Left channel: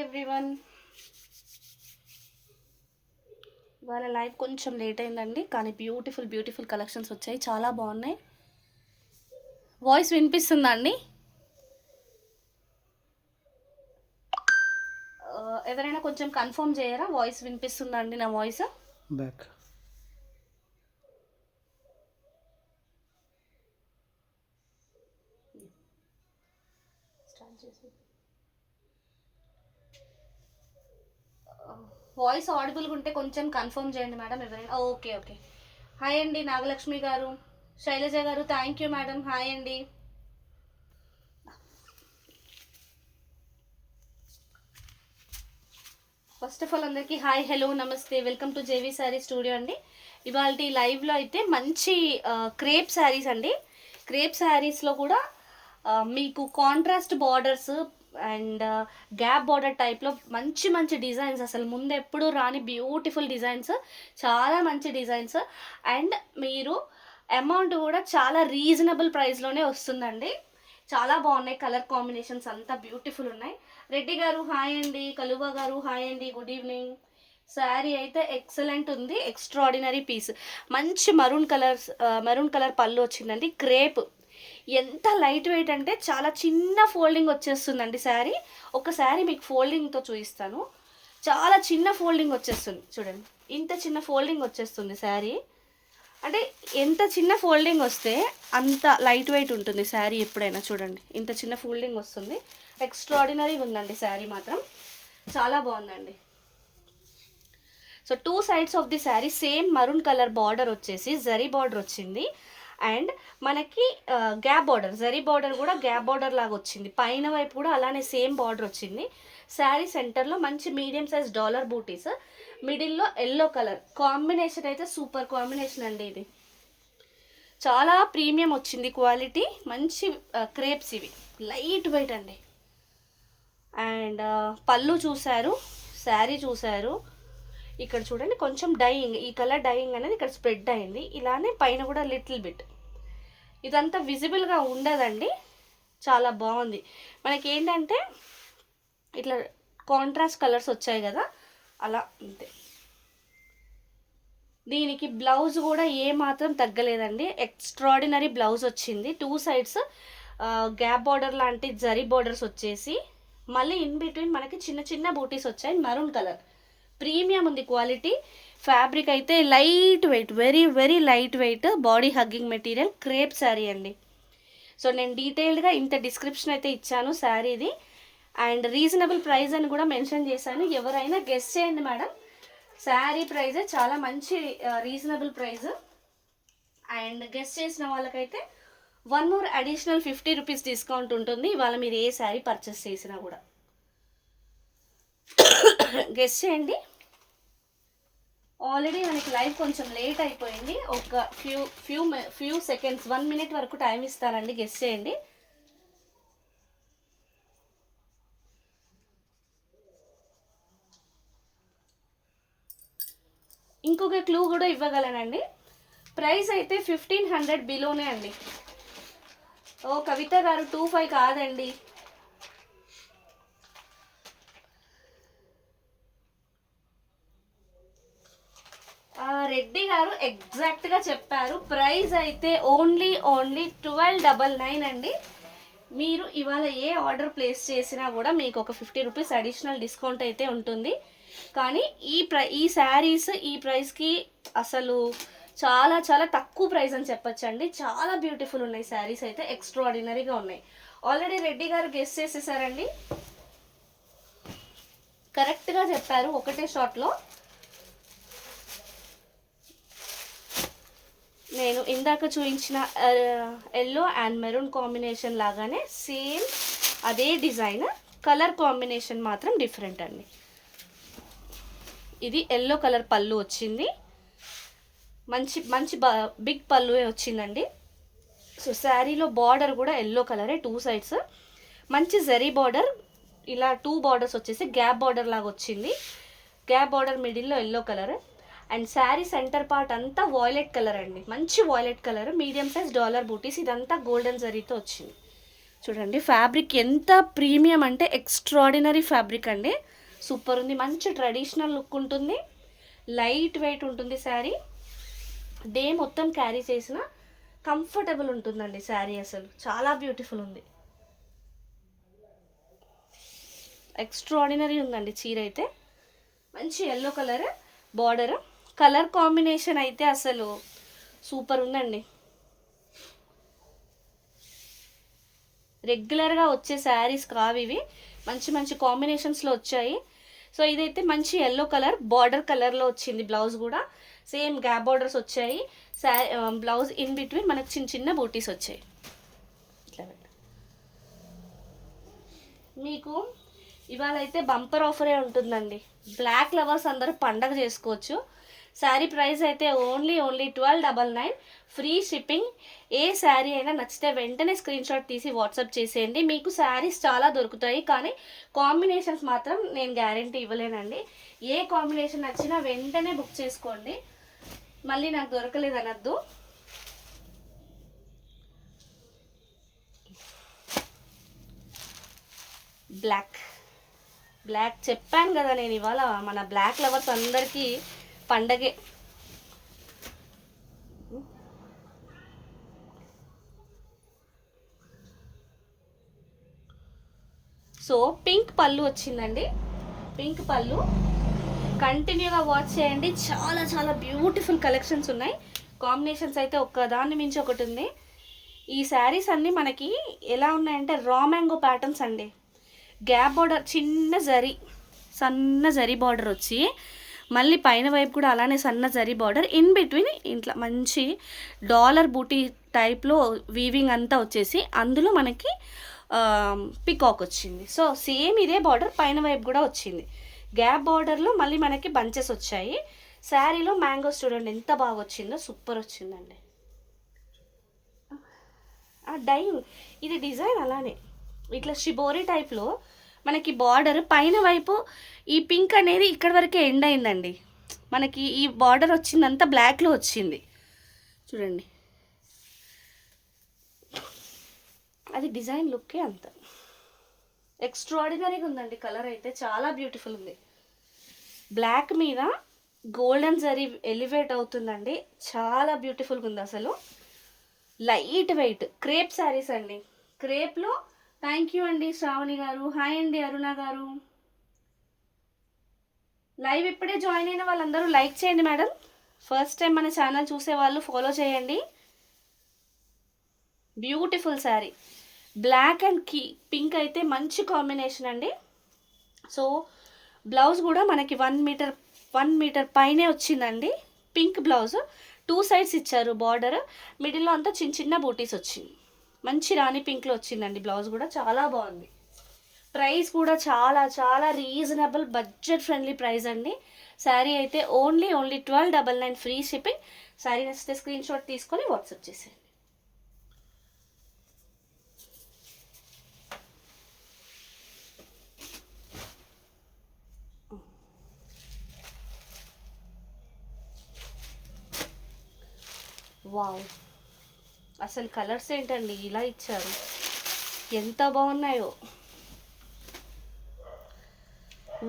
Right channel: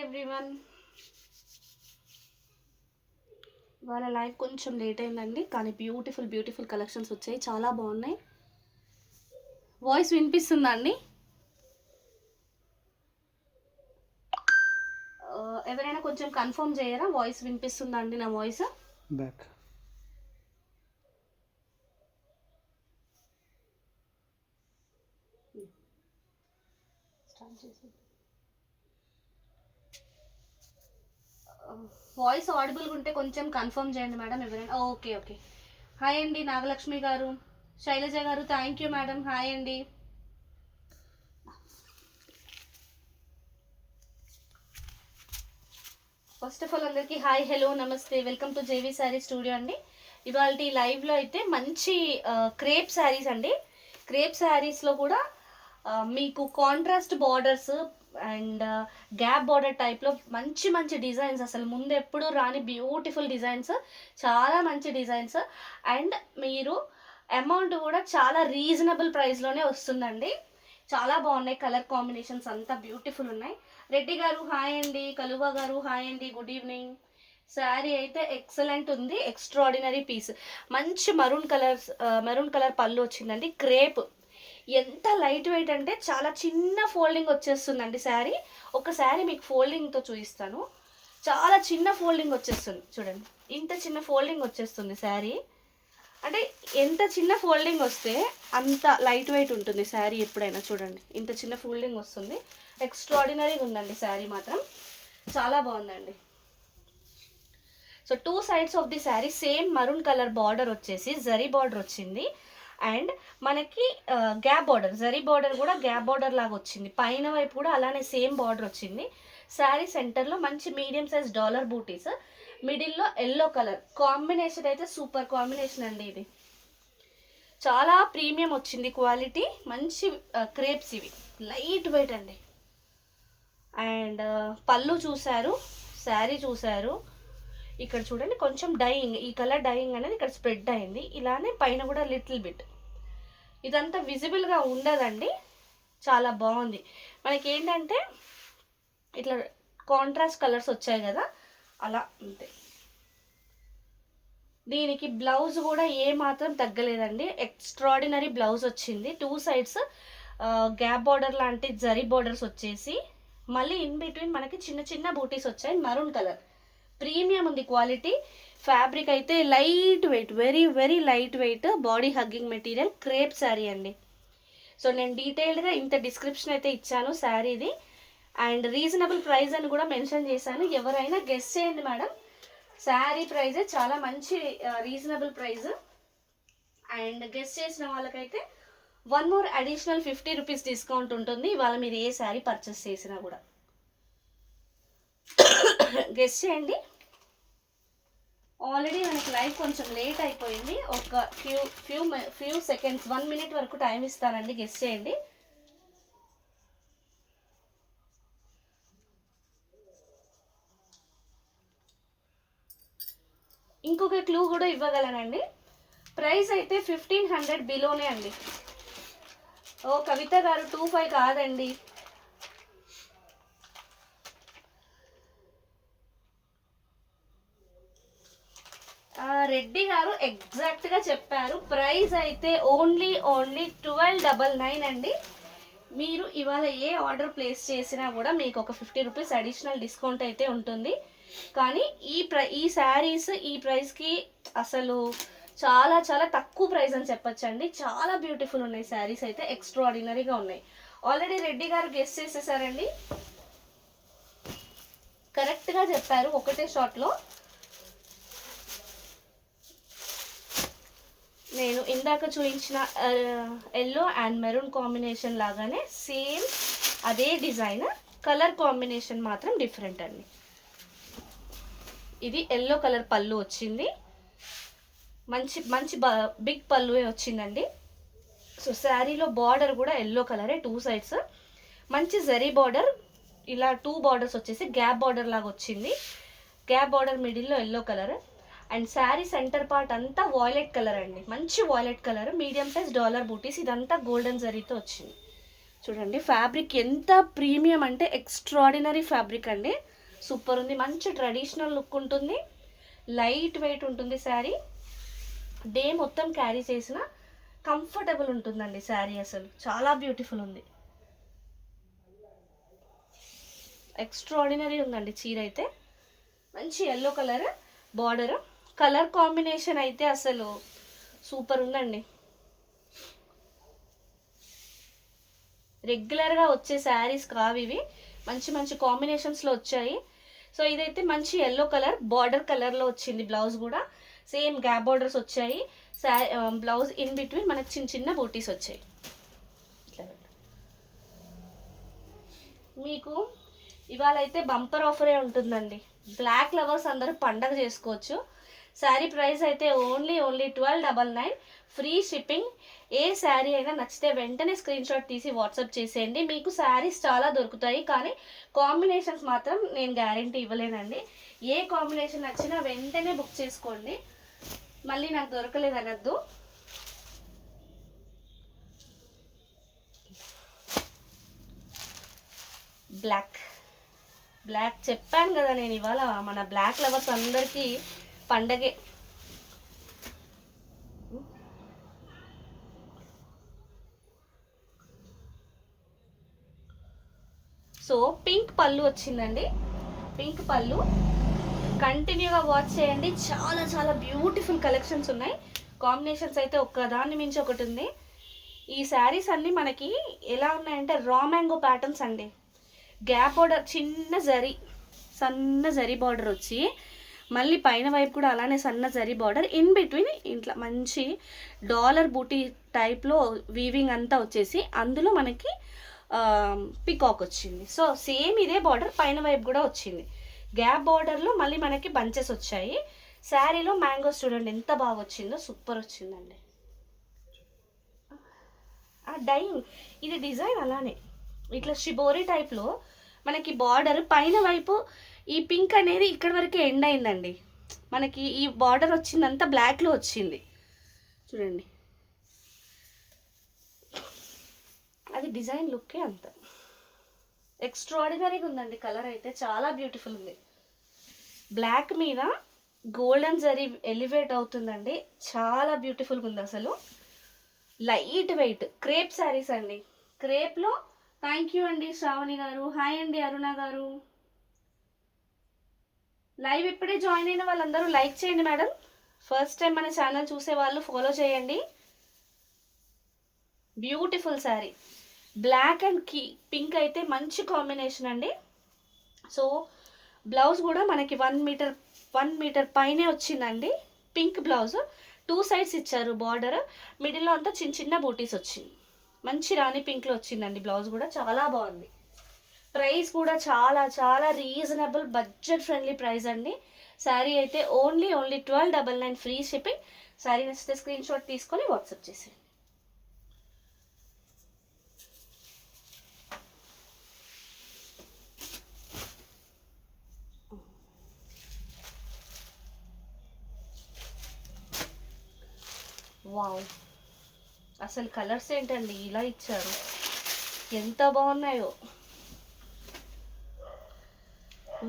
Hi everyone. వాళ్ళ live కొంచెం late అయిందండి, కానీ బ్యూటిఫుల్ బ్యూటిఫుల్ కలెక్షన్స్ వచ్చాయి, చాలా బాగున్నాయి. వాయిస్ వినిపిస్తుందా అండి? ఎవరైనా కొంచెం కన్ఫర్మ్ చేయరా, వాయిస్ వినిపిస్తుందా అండి? నా వాయిస్ బ్యాక్ వాయిస్ ఆడిబుల్గా ఉంటే కొంచెం కన్ఫర్మ్ చేయండి మేడం ఎవరైనా. Okay okay. హాయ్ అండి నాగలక్ష్మి గారు, శైలజ గారు, థ్యాంక్ యూ మేడం. హాయ్ అండి. ఫస్ట్ ఆఫ్ ఆల్ అందరికీ హాయ్, హలో, నమస్తే, welcome to JV sari studio అండి. ఇవాళ లైవ్లో అయితే మంచి క్రేప్ శారీస్ అండి. క్రేప్ శారీస్లో కూడా మీకు contrast borders and gap border టైప్లో మంచి మంచి డిజైన్స్, అసలు ముందు ఎప్పుడు రాని బ్యూటిఫుల్ డిజైన్స్, చాలా మంచి డిజైన్స్. అండ్ మీరు అమౌంట్ కూడా చాలా రీజనబుల్ ప్రైస్లోనే వస్తుందండి. చాలా బాగున్నాయి, కలర్ కాంబినేషన్స్ అంతా బ్యూటిఫుల్ ఉన్నాయి. రెడ్డి గారు హాయ్ అండి, కలువ గారు హాయ్ అండి, గుడ్ ఈవినింగ్. శారీ అయితే ఎక్సలెంట్ ఉంది, ఎక్స్ట్రాడినరీ పీస్. మంచి మరూన్ కలర్ పళ్ళు వచ్చిందండి. క్రేప్ ఎంత లైట్ వెయిట్ అంటే చాలా చిన్న ఫోల్డింగ్ వచ్చేస్తుందండి శారీ. ఒక శారీ మీకు ఫోల్డింగ్తో చూపిస్తాను. చాలా చిన్న ఫోల్డింగ్ వచ్చేస్తుంది చూడండి, ఇంత చిన్న ఫోల్డింగ్ వచ్చేస్తుంది శారీ. అంటే ఎంత చిన్న ఫోల్డింగ్ వస్తే అంత లైట్ వెయిట్ ఉంటుంది శారీ ఎప్పుడైనా. చూడండి ఇంత చిన్న ఫోల్డింగ్ వస్తుంది, ఎక్స్ట్రాడినరీగా ఉందండి శారీ మాత్రం, చాలా బాగుందండి. So two sides of the sari same maroon colour border వచ్చేసి జరీ బార్డర్ వచ్చింది. అండ్ మనకి గ్యాప్ బార్డర్, జరీ బార్డర్ కూడా గ్యాప్ బార్డర్ లాగా వచ్చింది. పైన వైపు కూడా అలానే సేమ్ బార్డర్ వచ్చింది. శారీ సెంటర్లో మంచి మీడియం సైజ్ డాలర్ బూటీస్, మిడిల్లో ఎల్లో కలర్ కాంబినేషన్ అయితే సూపర్ కాంబినేషన్ అండి. ఇది చాలా ప్రీమియం వచ్చింది క్వాలిటీ, మంచి క్రేప్స్ ఇవి, లైట్ వెయిట్ అండి. అండ్ పళ్ళు చూసారు, శారీ చూసారు. ఇక్కడ చూడండి కొంచెం డైయింగ్, ఈ కలర్ డైయింగ్ అనేది ఇక్కడ స్ప్రెడ్ అయింది. ఇలానే పైన కూడా లిటిల్ బిట్, ఇదంతా విజిబుల్గా ఉండదండి, చాలా బాగుంది. మనకి ఏంటంటే ఇట్లా కాంట్రాస్ట్ కలర్స్ వచ్చాయి కదా, అలా అంతే. దీనికి బ్లౌజ్ కూడా ఏ మాత్రం తగ్గలేదండి, ఎక్స్ట్రాడినరీ బ్లౌజ్ వచ్చింది. టూ సైడ్స్ గ్యాప్ బార్డర్ లాంటి జరీ బార్డర్స్ వచ్చేసి, మళ్ళీ ఇన్ బిట్వీన్ మనకి చిన్న చిన్న బూటీస్ వచ్చాయి. మరూన్ కలర్ ప్రీమియం ఉంది క్వాలిటీ. ఫ్యాబ్రిక్ అయితే light weight, very very light weight, body hugging material, crepe sari అండి. సో నేను డీటెయిల్డ్గా ఇంత డిస్క్రిప్షన్ అయితే ఇచ్చాను శారీది, అండ్ రీజనబుల్ ప్రైస్ అని కూడా మెన్షన్ చేశాను. ఎవరైనా గెస్ చేయండి మేడం, శారీ ప్రైస్ చాలా మంచి రీజనబుల్ ప్రైస్. అండ్ గెస్ట్ చేసిన వాళ్ళకైతే one more additional 50 rupees discount ఉంటుంది ఇవాళ మీరు ఏ శారీ పర్చేస్ చేసినా కూడా. గెస్ట్ చేయండి. ఆల్రెడీ మనకి లైవ్ కొంచెం లేట్ అయిపోయింది, ఒక ఫ్యూ సెకండ్స్, 1 మినిట్ వరకు టైం ఇస్తారండి, గెస్ట్ చేయండి. ఇంకొక క్లూ కూడా ఇవ్వగలనండి, ప్రైస్ అయితే 1500 బిలోనే అండి. ఓ కవిత గారు 25 కాదండి. రెడ్డి గారు ఎగ్జాక్ట్గా చెప్పారు, ప్రైస్ అయితే ఓన్లీ 1299 అండి. మీరు ఇవాళ ఏ ఆర్డర్ ప్లేస్ చేసినా కూడా మీకు ఒక 50 రూపీస్ అడిషనల్ డిస్కౌంట్ అయితే ఉంటుంది. కానీ ఈ శారీస్ ఈ ప్రైస్కి అసలు చాలా చాలా తక్కువ ప్రైస్ అని చెప్పొచ్చండి. చాలా బ్యూటిఫుల్ ఉన్నాయి శారీస్ అయితే, ఎక్స్ట్రాడినరీగా ఉన్నాయి. ఆల్రెడీ రెడ్డి గారు గెస్ చేసేసారండి, కరెక్ట్గా చెప్పారు ఒకటే షాట్లో. నేను ఇందాక చూపించిన ఎల్లో అండ్ మెరూన్ కాంబినేషన్ లాగానే సేమ్ అదే డిజైన్, కలర్ కాంబినేషన్ మాత్రం డిఫరెంట్ అండి. ఇది ఎల్లో కలర్ పళ్ళు వచ్చింది, మంచి మంచి బిగ్ పళ్ళువే వచ్చిందండి. సో శారీలో బార్డర్ కూడా ఎల్లో కలరే, టూ సైడ్స్ మంచి జరీ బార్డర్, ఇలా 2 బార్డర్స్ వచ్చేసి గ్యాప్ బార్డర్ లాగా వచ్చింది. గ్యాప్ బార్డర్ మిడిల్లో yellow colour. And sari centre part అంతా వాయిలెట్ కలర్ అండి, మంచి violet colour, medium size dollar butis, ఇదంతా గోల్డెన్ జరీతో వచ్చింది. చూడండి ఫ్యాబ్రిక్ ఎంత ప్రీమియం అంటే ఎక్స్ట్రాడినరీ ఫ్యాబ్రిక్ అండి. సూపర్ ఉంది, మంచి ట్రెడిషనల్ లుక్ ఉంటుంది, లైట్ వెయిట్ ఉంటుంది శారీ. డే మొత్తం క్యారీ చేసిన కంఫర్టబుల్ ఉంటుందండి శారీ. అసలు చాలా బ్యూటిఫుల్ ఉంది, ఎక్స్ట్రాడినరీ ఉందండి చీర అయితే. మంచి yellow colour border, colour combination అయితే అసలు సూపర్ ఉందండి. రెగ్యులర్గా వచ్చే శారీస్ కావు ఇవి, మంచి మంచి కాంబినేషన్స్లో వచ్చాయి. సో ఇదైతే మంచి ఎల్లో కలర్ బార్డర్ కలర్లో వచ్చింది. బ్లౌజ్ కూడా సేమ్ గ్యాప్ బార్డర్స్ వచ్చాయి. బ్లౌజ్ ఇన్ బిట్వీన్ మనకు చిన్న చిన్న బూటీస్ వచ్చాయి. మీకు ఇవాళ అయితే బంపర్ ఆఫరే ఉంటుందండి. బ్లాక్ లవర్స్ అందరూ పండగ చేసుకోవచ్చు. శారీ ప్రైస్ అయితే ఓన్లీ 1299, ఫ్రీ షిప్పింగ్. ఏ శారీ అయినా నచ్చితే వెంటనే స్క్రీన్ షాట్ తీసి వాట్సాప్ చేసేయండి. మీకు శారీస్ చాలా దొరుకుతాయి, కానీ కాంబినేషన్స్ మాత్రం నేను గ్యారంటీ ఇవ్వలేనండి. ఏ కాంబినేషన్ నచ్చినా వెంటనే బుక్ చేసుకోండి, మళ్ళీ నాకు దొరకలేదు అనద్దు. బ్లాక్ చెప్పాను కదా నేను, ఇవాళ మన బ్లాక్ లవర్స్ అందరికీ పండగే. సో పింక్ పళ్ళు వచ్చిందండి. పింక్ పళ్ళు కంటిన్యూగా వాచ్ చేయండి, చాలా చాలా బ్యూటిఫుల్ కలెక్షన్స్ ఉన్నాయి. కాంబినేషన్స్ అయితే ఒక్కదాన్ని మించి ఒకటి ఉంది. ఈ శారీస్ అన్నీ మనకి ఎలా ఉన్నాయంటే రా మ్యాంగో ప్యాటర్న్స్ అండి. గ్యాప్ బార్డర్, చిన్న జరీ, సన్న జరీ బార్డర్ వచ్చి మళ్ళీ పైన వైపు కూడా అలానే సన్న జరీ బార్డర్, ఇన్ బిట్వీన్ ఇంట్లో మంచి డాలర్ బూటీ టైప్లో వీవింగ్ అంతా వచ్చేసి అందులో మనకి పికాక్ వచ్చింది. సో సేమ్ ఇదే బార్డర్ పైన వైపు కూడా వచ్చింది. గ్యాప్ బార్డర్లో మళ్ళీ మనకి బంచెస్ వచ్చాయి. శారీలో మ్యాంగోస్ చూడండి ఎంత బాగా వచ్చిందో, సూపర్ వచ్చిందండి. డై ఇది డిజైన్ అలానే ఇట్లా షిబోరి టైప్లో మనకి బార్డర్ పైన వైపు ఈ పింక్ అనేది ఇక్కడ వరకే ఎండ్ అయిందండి. మనకి ఈ బార్డర్ వచ్చిందంతా బ్లాక్లో వచ్చింది చూడండి. అది డిజైన్ లుక్కే అంత ఎక్స్ట్రాడినరీగా ఉందండి. కలర్ అయితే చాలా బ్యూటిఫుల్ ఉంది. బ్లాక్ మీద గోల్డెన్ జరీ ఎలివేట్ అవుతుందండి, చాలా బ్యూటిఫుల్గా ఉంది అసలు. లైట్ వెయిట్ క్రేప్ శారీస్ అండి. క్రేప్లో థ్యాంక్ యూ అండి శ్రావణి గారు. హాయ్ అండి అరుణ గారు. లైవ్ ఇప్పుడే జాయిన్ అయిన వాళ్ళందరూ లైక్ చేయండి మేడం. ఫస్ట్ టైం మన ఛానల్ చూసే వాళ్ళు ఫాలో చేయండి. Beautiful sari, black and pink అయితే మంచి కాంబినేషన్ అండి. సో బ్లౌజ్ కూడా మనకి 1 మీటర్ పైనే వచ్చిందండి. పింక్ బ్లౌజ్, 2 సైడ్స్ ఇచ్చారు బార్డర్, మిడిల్లో అంతా చిన్న చిన్న బూటీస్ వచ్చింది. మంచి రాణి పింక్లో వచ్చిందండి. బ్లౌజ్ కూడా చాలా బాగుంది. ప్రైస్ కూడా చాలా చాలా రీజనబుల్, బడ్జెట్ ఫ్రెండ్లీ ప్రైస్ అండి. శారీ అయితే ఓన్లీ 1299, ఫ్రీ షిప్పింగ్. శారీ నచ్చితే స్క్రీన్ షాట్ తీసుకొని వాట్సాప్ చేసేయండి. వావ్, అసలు కలర్స్ ఏంటండి ఇలా ఇచ్చారు, ఎంత బాగున్నాయో.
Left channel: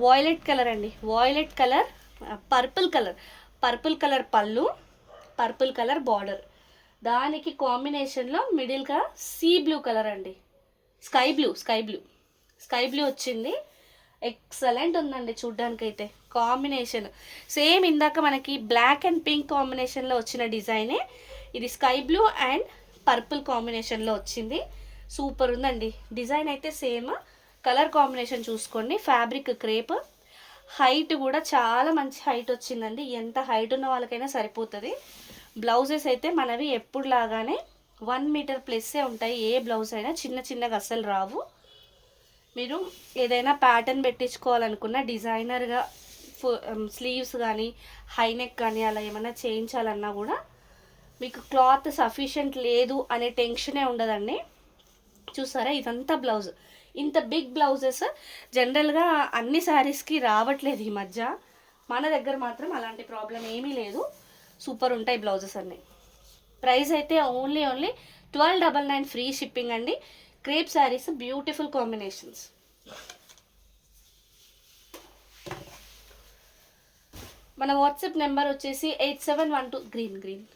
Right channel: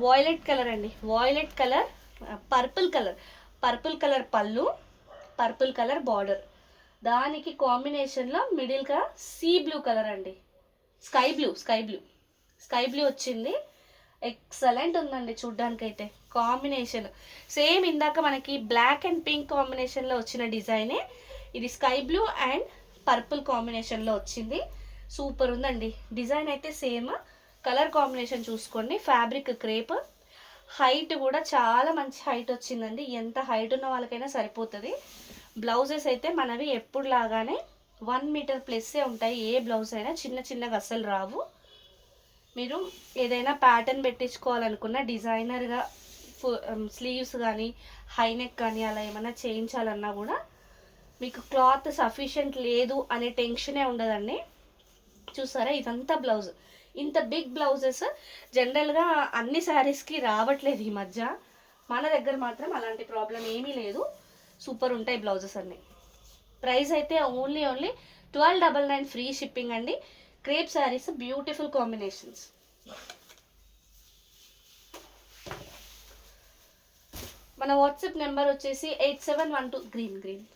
వాయిలెట్ కలర్ అండి, violet colour, purple colour pallu, purple colour border, దానికి కాంబినేషన్లో మిడిల్గా సీ బ్లూ కలర్ అండి, స్కై బ్లూ వచ్చింది. ఎక్సలెంట్ ఉందండి చూడ్డానికైతే కాంబినేషన్. సేమ్ ఇందాక మనకి బ్లాక్ అండ్ పింక్ కాంబినేషన్లో వచ్చిన డిజైనే ఇది స్కై బ్లూ అండ్ పర్పుల్ కాంబినేషన్లో వచ్చింది. సూపర్ ఉందండి. డిజైన్ అయితే సేమ్, కలర్ కాంబినేషన్ చూసుకోండి. ఫ్యాబ్రిక్ క్రేప్, హైట్ కూడా చాలా మంచి హైట్ వచ్చిందండి. ఎంత హైట్ ఉన్న వాళ్ళకైనా సరిపోతుంది. బ్లౌజెస్ అయితే మనవి ఎప్పుడు లాగానే 1 మీటర్ ప్లస్సే ఉంటాయి. ఏ బ్లౌజ్ అయినా చిన్న చిన్నగా అస్సలు రావు. మీరు ఏదైనా ప్యాటర్న్ పెట్టించుకోవాలనుకున్న డిజైనర్గా స్లీవ్స్ కానీ హైనెక్ కానీ అలా ఏమైనా చేయించాలన్నా కూడా మీకు క్లాత్ సఫిషియెంట్ లేదు అనే టెన్షనే ఉండదండి. చూసారా ఇదంతా బ్లౌజ్. ఇంత బిగ్ బ్లౌజెస్ జనరల్గా అన్ని శారీస్కి రావట్లేదు ఈ మధ్య. మన దగ్గర మాత్రం అలాంటి ప్రాబ్లం ఏమీ లేదు. సూపర్ ఉంటాయి బ్లౌజెస్ అన్నీ. ప్రైస్ అయితే ఓన్లీ 1299, ఫ్రీ షిప్పింగ్ అండి. Crepe saris beautiful combinations. మన వాట్సాప్ నెంబర్ వచ్చేసి 8712 గ్రీన్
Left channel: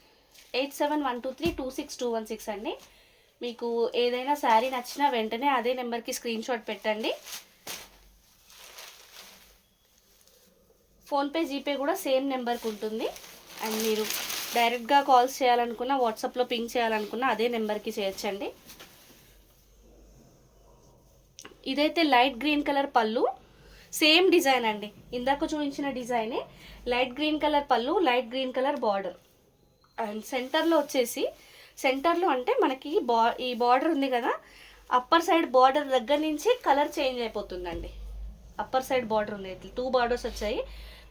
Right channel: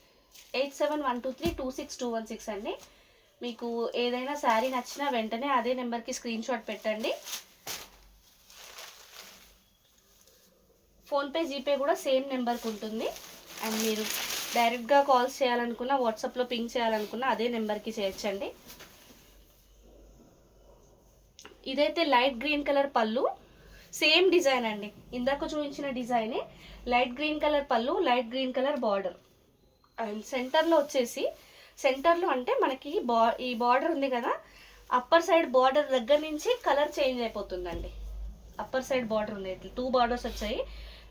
8712326216 అండి. మీకు ఏదైనా శారీ నచ్చినా వెంటనే అదే నెంబర్కి స్క్రీన్ షాట్ పెట్టండి. ఫోన్పే జీపే కూడా సేమ్ నెంబర్కి ఉంటుంది. అండ్ మీరు డైరెక్ట్గా కాల్స్ చేయాలనుకున్నా, వాట్సాప్లో పింక్ చేయాలనుకున్నా అదే నెంబర్కి చేయొచ్చండి. ఇదైతే లైట్ గ్రీన్ కలర్ పళ్ళు, సేమ్ డిజైన్ అండి, ఇందాక చూపించిన డిజైనే. లైట్ గ్రీన్ కలర్ పళ్ళు, light green colour border. And సెంటర్లో వచ్చేసి, సెంటర్లో అంటే మనకి ఈ బార్డర్ ఉంది కదా, అప్పర్ సైడ్ బార్డర్ దగ్గర నుంచి కలర్ చేంజ్ అయిపోతుందండి. అప్పర్ సైడ్ బార్డర్ ఉంది, 2 బార్డర్స్ వచ్చాయి.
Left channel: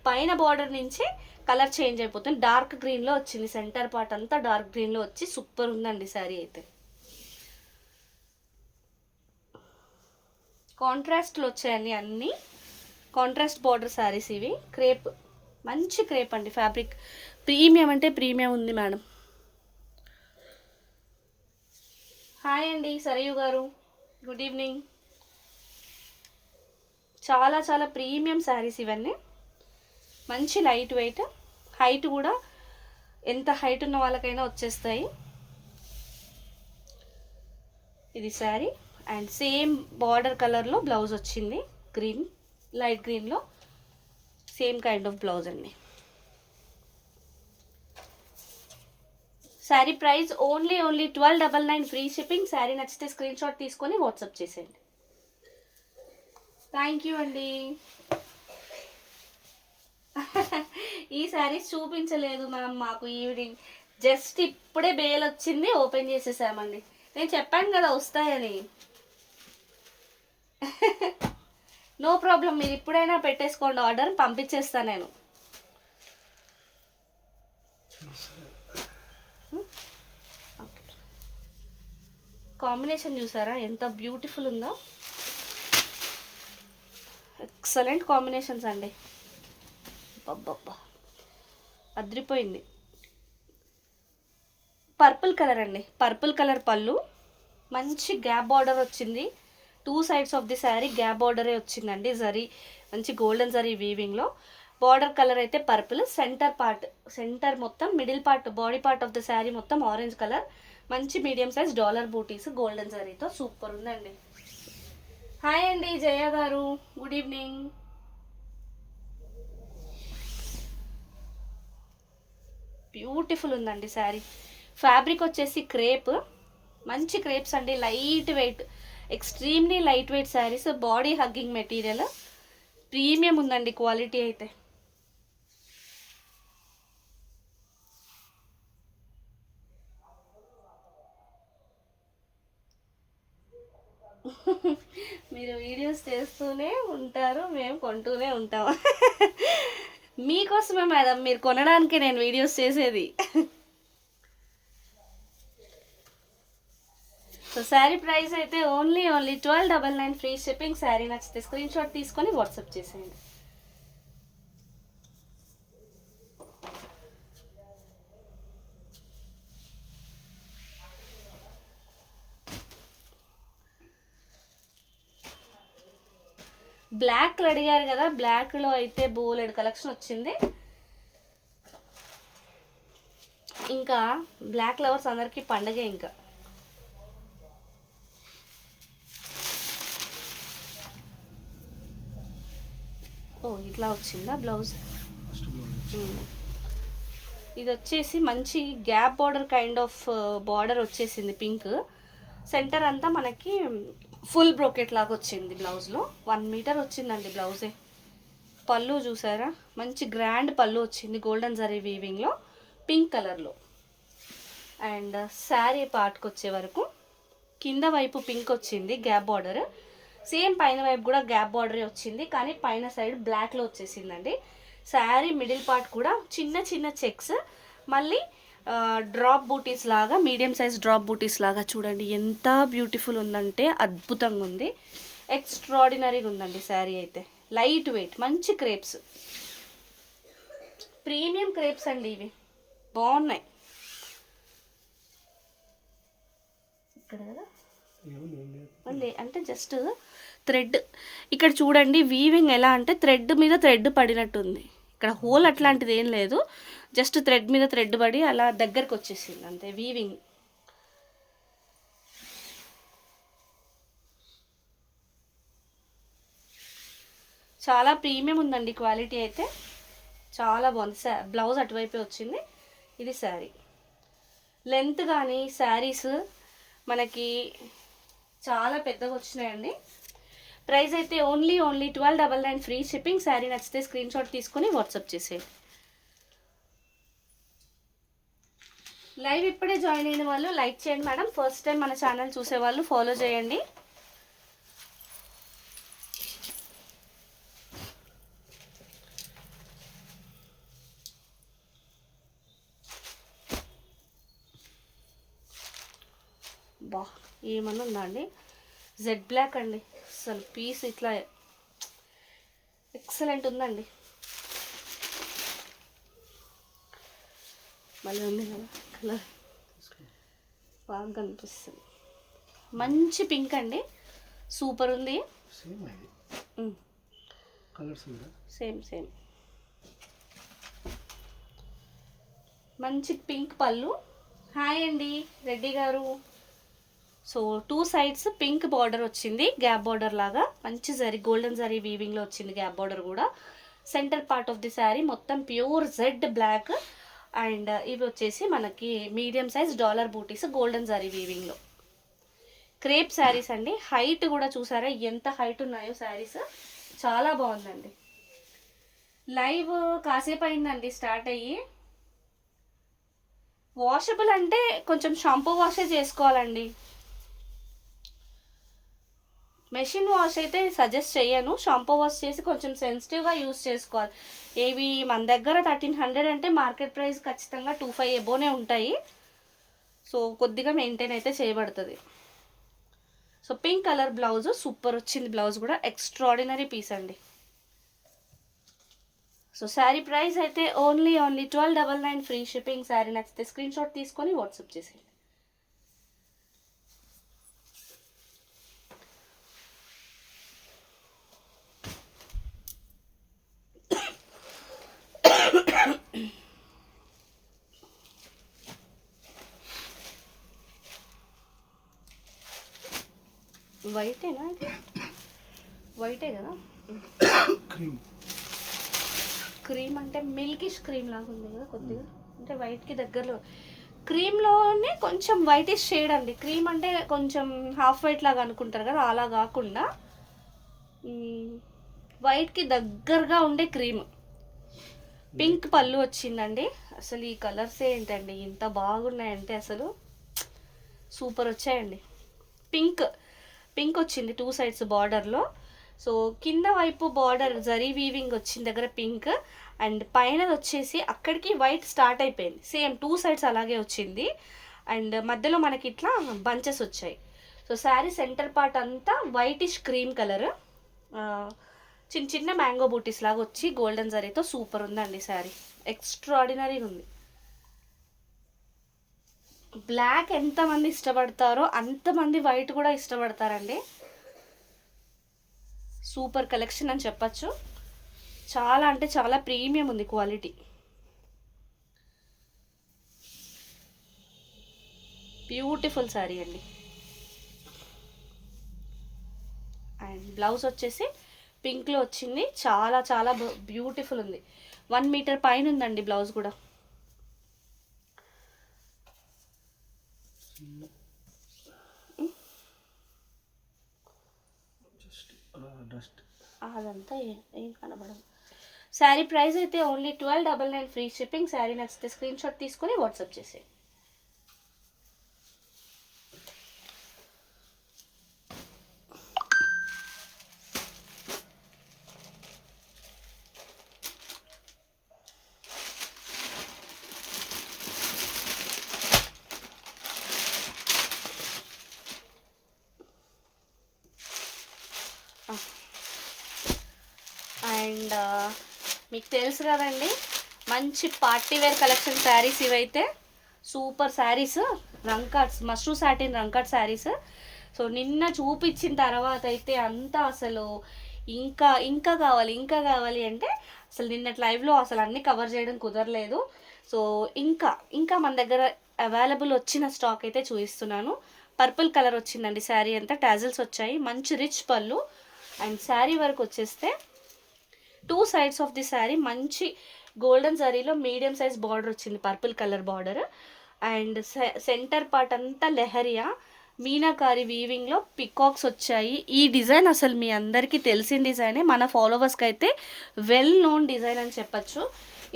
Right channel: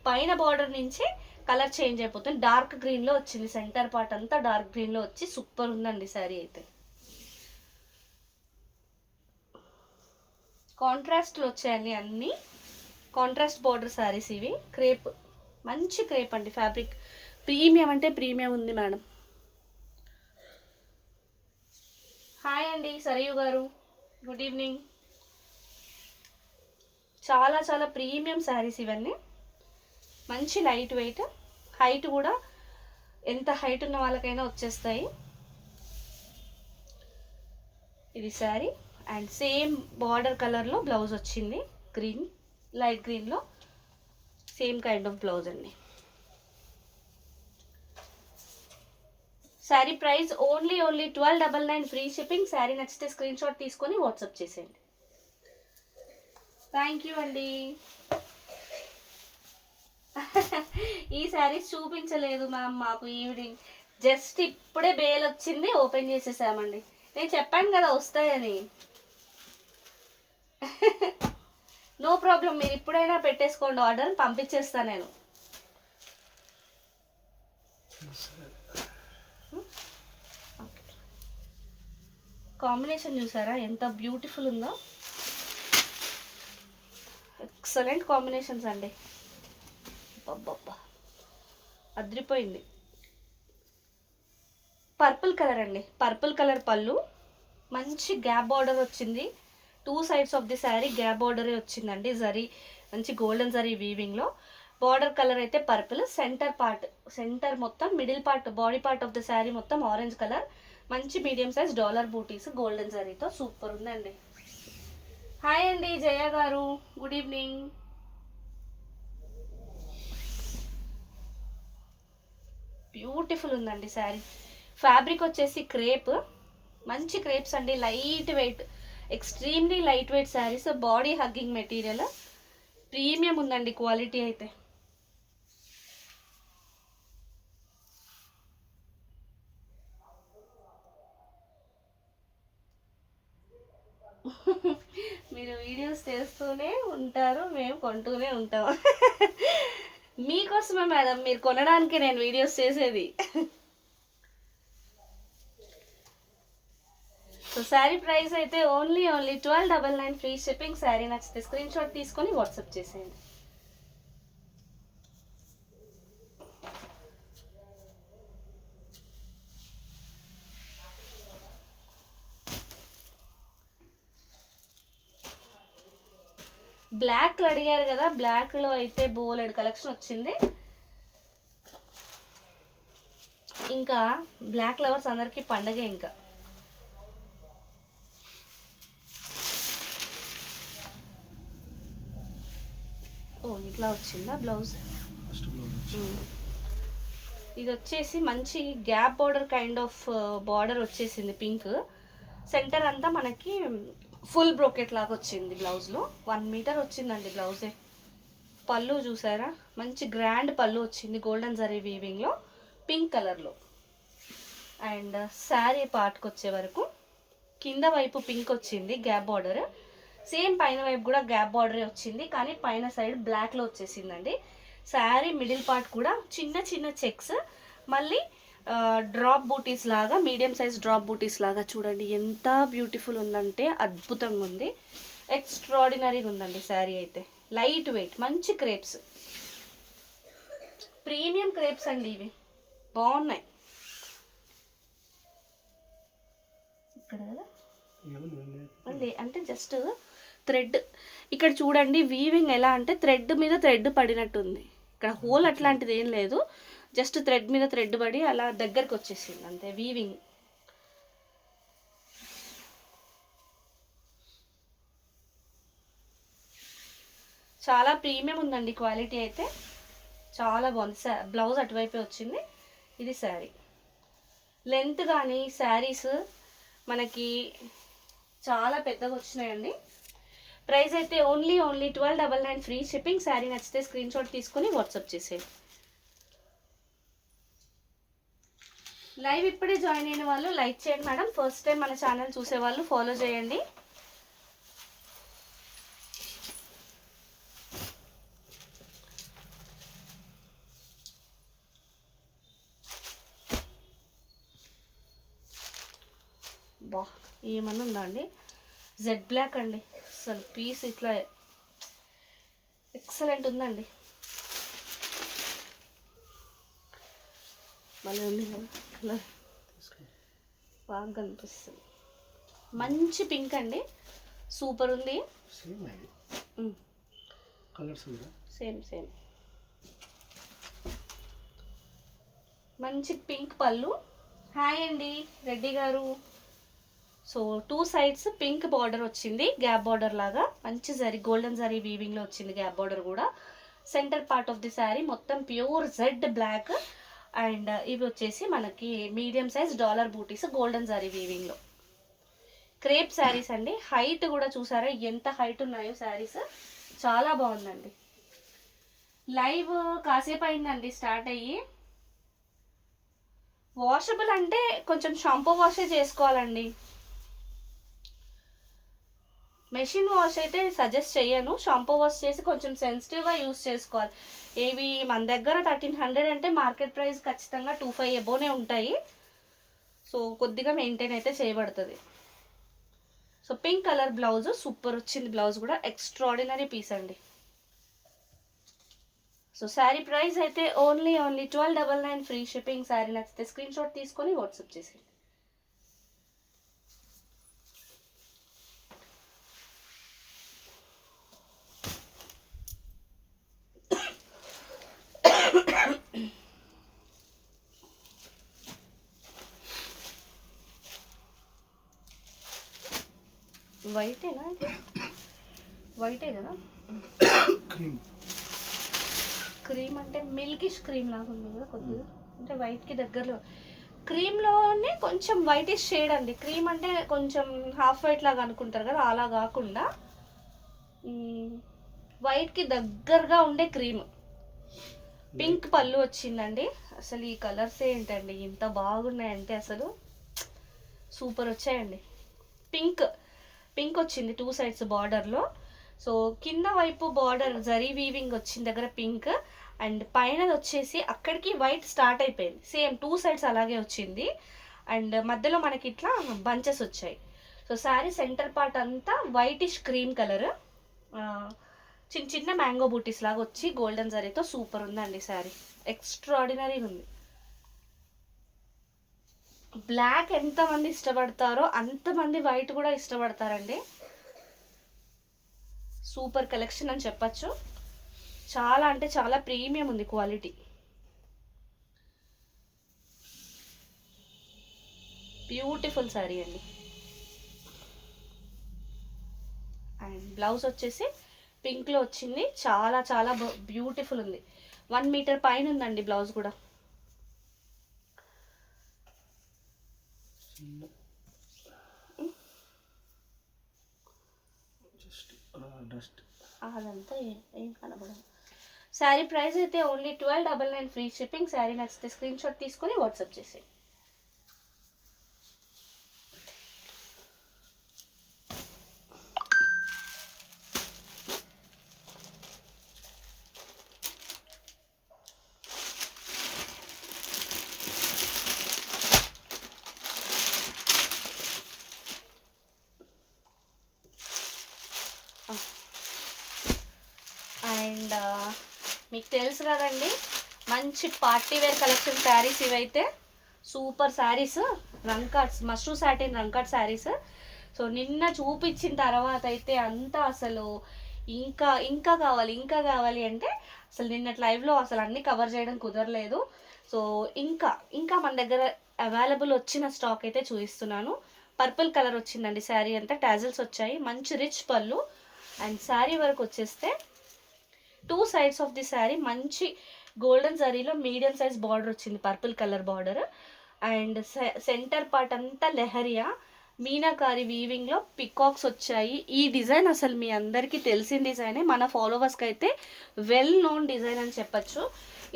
పైన బార్డర్ నుంచి కలర్ చేంజ్ అయిపోతుంది. డార్క్ గ్రీన్లో వచ్చింది, సెంటర్ పార్ట్ అంతా డార్క్ గ్రీన్లో వచ్చి సూపర్ ఉందండి శారీ అయితే. కాంట్రాస్ట్లో వచ్చాయండి అన్నీ, కాంట్రాస్ట్ బార్డర్ శారీస్ ఇవి. క్రేప్, మంచి క్రేప్ అండి, ఫ్యాబ్రిక్ ప్రీమియం అంటే ప్రీమియం ఉంది మేడం. హాయ్ అండి సరయు గారు, గుడ్ ఈవినింగ్. చాలా చాలా ప్రీమియం శారీస్ ఇవన్నీ, మంచి లైట్ వెయిట్, హైట్ కూడా ఎంత హైట్ ఉన్న వాళ్ళకైనా వచ్చేస్తాయి. ఇది శారీ అండ్ సేమ్ బార్డర్ కలర్లో బ్లౌజ్ వచ్చింది, గ్రీన్, లైట్ గ్రీన్లో సేమ్ కైండ్ ఆఫ్ బ్లౌజ్ అండి. Sari price only 1299 free shipping. Sari నచ్చితే స్క్రీన్ షాట్ తీసుకొని వాట్సాప్ చేసేయండి. థ్యాంక్ యూ అండి. ఈ శారీస్ చూపించలేదు మ్యామ్ మాకు, ఈవినింగ్ జస్ట్ ఇప్పుడే బేల్ వచ్చింది, ఓపెన్ చేసేసామండి. నేను చెప్పాను కదా వస్తాయని. నో ప్రాబ్లం, మీరు ఇప్పుడైనా పెట్టేసుకోండి ఆర్డర్, పంపించేస్తాను నేను. కాంబినేషన్ చూసారా ఎంత బ్యూటిఫుల్ ఉందో, ఎక్సలెంట్ కాంబినేషన్స్ అండి. అబ్బబ్బా అద్రిపోయింది. పర్పుల్ కలర్ అండి, పర్పుల్ కలర్ పళ్ళు, మంచి గ్యాప్ బార్డర్ వచ్చింది. 2 sides of the sari gap బార్డరే వచ్చిందండి, జరీ మంచి గోల్డెన్ జరీ వీవింగ్లో. బార్డర్ కలర్ అయితే పర్పుల్, సెంటర్ పార్ట్, సెంటర్ మొత్తం middle part, body part of the sari మొత్తం ఆరెంజ్ కలర్. మంచి medium size dollar butis golden జరీతో సూపర్ ఉందండి. హాయ్ అండి Jaya garu, good evening. Beautiful ఉందండి శారీ. ఫ్యాబ్రిక్ వచ్చేసి క్రేప్, మంచి క్రేప్స్ అండి, light weight, extremely light weight saris, body hugging material, premium ఉందండి క్వాలిటీ అయితే. మీరు వీడియోస్ చేస్తూనే ఉంటారు, మేము కొంటూనే ఉంటాం. మీకోసమే మేడం, మీరు కొనడానికి నేను వీడియోస్ చేసేది. సో శారీ ప్రైస్ అయితే ఓన్లీ 1299 ఫ్రీ షిప్పింగ్. శారీ నచ్చితే స్క్రీన్ షాట్ తీసుకొని వాట్సాప్ చేసేయండి. బ్లాక్ అడిగారు కదా, బ్లాక్లో అయితే బోలెడ్ కలెక్షన్ వచ్చింది. ఇంకా బ్లాక్ లవర్స్ అందరికీ పండగే. ఇంకా ఓ ఇట్లా వచ్చిందా బ్లౌజ్. ఇది వచ్చేసి మంచి gap border kind of border వచ్చేసింది, పింక్. సెంటర్ అంతా మనకి ఫుల్ బ్రోకెట్ లాగా వచ్చింది. బ్లౌజ్లో 1 మీటర్ వచ్చిందండి బ్లౌజే. పళ్ళు చూసారా, మంచి గ్రాండ్ పళ్ళు వచ్చింది, గోల్డెన్ జరీ వీవింగ్లో, పింక్ కలర్లో. అండ్ శారీ పార్ట్కి వచ్చే వరకు కింద వైపు పింక్ వచ్చింది గ్యాప్ బార్డర్, సేమ్ పైన వైపు కూడా గ్యాప్ బార్డరే వచ్చింది, కానీ పైన సైడ్ బ్లాక్లో వచ్చేసిందండి. శారీ మిడిల్ పార్ట్ కూడా చిన్న చిన్న చెక్స్, మళ్ళీ డ్రాప్ బూటీస్ లాగా, మీడియం సైజ్ డ్రాప్ బూటీస్ లాగా. చూడండి ఎంత బ్యూటిఫుల్ ఉందంటే, అద్భుతంగా ఉంది, ఎక్స్ట్రాడినరీగా ఉందండి శారీ అయితే. లైట్ వెయిట్, మంచి క్రేప్స్, ప్రీమియం క్రేప్స్ అండి ఇవి, బాగున్నాయి. ఇక్కడ అంటే జస్ట్ థ్రెడ్ ఇక్కడ చూడండి, వీవింగ్ ఎలా అంటే థ్రెడ్ మీద థ్రెడ్ పడినట్టుంది. ఇక్కడ హోల్ అట్లాంటిది ఏం లేదు, జస్ట్ థ్రెడ్ మీద థ్రెడ్ పడి అలా దగ్గరకు వచ్చేసింది అంతే వీవింగ్. చాలా ప్రీమియం ఉందండి క్వాలిటీ అయితే, చాలా బాగుంది. బ్లౌజ్ అటువైపే వచ్చింది. ఇది శారీ లెంత్ కానీ శారీస్ మనకి చాలా పెద్దగా వచ్చినాయండి. ప్రైస్ అయితే ఓన్లీ 1299 ఫ్రీ షిప్పింగ్. శారీ నచ్చితే స్క్రీన్ షాట్ తీసుకుని వాట్సాప్ చేసేయండి. లైవ్ ఇప్పుడే జాయిన్ అయిన వాళ్ళు లైక్ చేయండి మేడం. ఫస్ట్ టైం మన ఛానల్ చూసే వాళ్ళు ఫాలో చేయండి. బా ఏమన్నా ఉందా అండి, జెడ్ బ్లాక్ అండి, అసలు పీస్ ఇట్లా ఎక్సలెంట్ ఉందండి. మళ్ళీ ఉంది కదా కలర్, బాగా కనిపిస్తుంది. మంచి పింక్ అండి, సూపర్ ఉంది. సేమ్ సేమ్ మంచి పింక్ పళ్ళు. హాయ్ అండి రెడ్డి గారు. సో 2 సైడ్స్ పింక్ బార్డర్ వచ్చింది, గ్యాప్ బార్డర్ లాగా మంచి జరీ గోల్డెన్ జరీ వీవింగ్లో వచ్చింది గ్యాప్ బార్డర్ కూడా. Centre part of the sari మొత్తం ప్యూర్ జెడ్ బ్లాక్ అండ్ ఇవి వచ్చేసి మనకి medium size dollar butis golden zari వీవింగ్లో. Crepe saris అండి, హైట్ కూడా చూసారా ఎంత హైట్ ఉన్నాయో శారీస్, చాలా బాగుందండి. లైవ్ కాసేపు అయిందండి స్టార్ట్ అయ్యి. వాషబుల్ అంటే కొంచెం షాంపూ వాషే చేసుకోవాలండి, మెషిన్ వాష్ అయితే సజెస్ట్ చేయను. షాంపూ వాష్ చేసి కొంచెం సెన్సిటివ్గా యూస్ చేసుకోవాలి. ఏవి మన దగ్గర 1300 అంటే మార్కెట్ ప్రైస్ ఖచ్చితంగా 2500 ఎబోనే ఉంటాయి. సో కొద్దిగా మెయింటైన్ అయితే చేయబడుతుంది. So pink colour blouse super వచ్చింది, బ్లౌజ్ కూడా ఎక్స్ట్రాడినరీ పీస్ అండి. సో శారీ ప్రైస్ అయితే ఓన్లీ 1299 ఫ్రీ షిప్పింగ్. శారీ నచ్చితే స్క్రీన్ షాట్ తీసుకొని వాట్సాప్ చేసి. వైటేనా, వైటే కదా, క్రీమ్ అంటే మిల్కిష్ క్రీమ్ లాగా ఉంది కదా కొద్దిగా, అంటే వైట్కి దగ్గరలో. క్రీమ్లోనే కొంచెం వైటిష్ షేడ్ అండి. క్రీమ్ అంటే కొంచెం హాఫ్ వైట్ లాగా అనుకుంటారు కదా, అలా కాకుండా వైట్కి దగ్గరగా ఉండే క్రీమ్. పింక్ పళ్ళు వచ్చిందండి. అసలు ఈ కలర్స్ ఏంటండి ఇంత బాగున్నాయంటే అసలు సూపర్ వచ్చాయండి. పింక్ పింక్ వచ్చింది 2 సైడ్స్ బార్డర్లో. సో కింద వైపు బార్డర్ జరీ వీవింగ్ వచ్చిన దగ్గర పింక్ అండ్ పైన వచ్చేసి అక్కడికి వైట్ స్టార్ట్ అయిపోయింది. సేమ్ 2 సైడ్స్ అలాగే వచ్చింది అండ్ మధ్యలో మనకి ఇట్లా బంచెస్ వచ్చాయి. సో శారీ సెంటర్ పార్ట్ అంతా వైటిష్ క్రీమ్ కలర్, చిన్న చిన్న మ్యాంగో బూటీస్ లాగా వచ్చి గోల్డెన్ జరీతో సూపర్ ఉందండి శారీ, ఎక్స్ట్రాడినరీ ఉంది. బ్లాక్ ఎంతమంది ఇష్టపడతారో అంతమంది వైట్ కూడా ఇష్టపడతారండి. సూపర్ కలెక్షన్ అని చెప్పచ్చు. చాలా అంటే చాలా ప్రీమియం ఉంది క్వాలిటీ. బ్యూటిఫుల్ శారీ అండి. అండ్ బ్లౌజ్ వచ్చేసి పింక్లో వచ్చింది, చాలా చాలా బ్యూటిఫుల్ ఉంది. 1 మీటర్ పైన ఉందండి బ్లౌజ్ కూడా. అదంతా ఏం కనబడదు. శారీ ప్రైస్ అయితే ఓన్లీ 1299 ఫ్రీ షిప్పింగ్. శారీ నచ్చితే స్క్రీన్ షాట్ తీసుకొని వాట్సాప్ చేసేయండి. అండ్ మీకు తెలుసు కదండి మంచి పార్టీ వేర్ కలెక్షన్ శారీస్ ఇవైతే super saris. Rangkats mashru satin rangkat saris. So నిన్న చూపించిన తర్వాత అయితే అంతా అసలు ఇంకా ఇంకా కావాలి ఇంకా కావాలి అంటే అసలు నిన్నటి లైవ్లో అసలు అన్నీ కవర్ చేయడం కుదరలేదు. సో ఇంకా ఇంకా మన దగ్గర అవైలబుల్ వచ్చిన స్టాక్ అయితే చూపిస్తున్నాను. పర్పుల్ కలర్ వచ్చిందండి శారీ అంతా, టాజిల్స్ వచ్చాయి, మంచి రిచ్ పళ్ళు. అండ్ శారీ వరకు వచ్చేస్తే 2 సైడ్స్ ఆఫ్ ది శారీ మంచి గోల్డెన్ జరీలో మీడియం సైజ్ బార్డర్ వచ్చింది, purple colour border. And centre part అంతా లెహరియా మీనాకారి వీవింగ్లో పికాక్స్ వచ్చాయి. ఈ డిజైన్ అసలు మీ అందరికీ తెలిసిన డిజైనే, మన ఫాలోవర్స్కి అయితే వెల్ నోన్ డిజైన్ అని చెప్పచ్చు.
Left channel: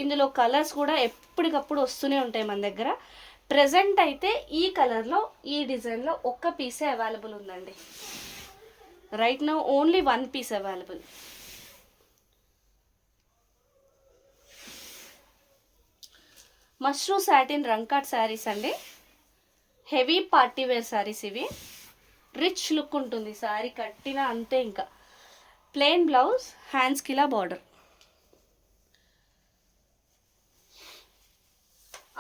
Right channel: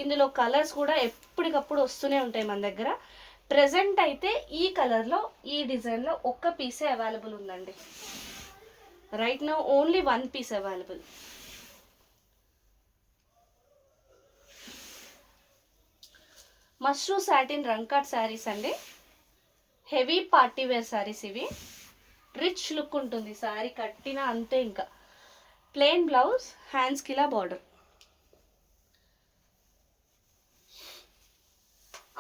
ఇందులో కలర్స్ కూడా ఎప్పటికప్పుడు వస్తూనే ఉంటాయి మన దగ్గర. ప్రజెంట్ అయితే ఈ కలర్లో ఈ డిజైన్లో ఒక్క పీసే అవైలబుల్ ఉందండి. Right now only 1 piece available. Mashru satin rangkat saris అండి, హెవీ పార్టీ వేర్ శారీస్ ఇవి. రిచ్ లుక్ ఉంటుంది శారీ కట్టిన అంతే. ఇంకా ప్లెయిన్ బ్లౌజ్, హ్యాండ్స్కి ఇలా బార్డర్.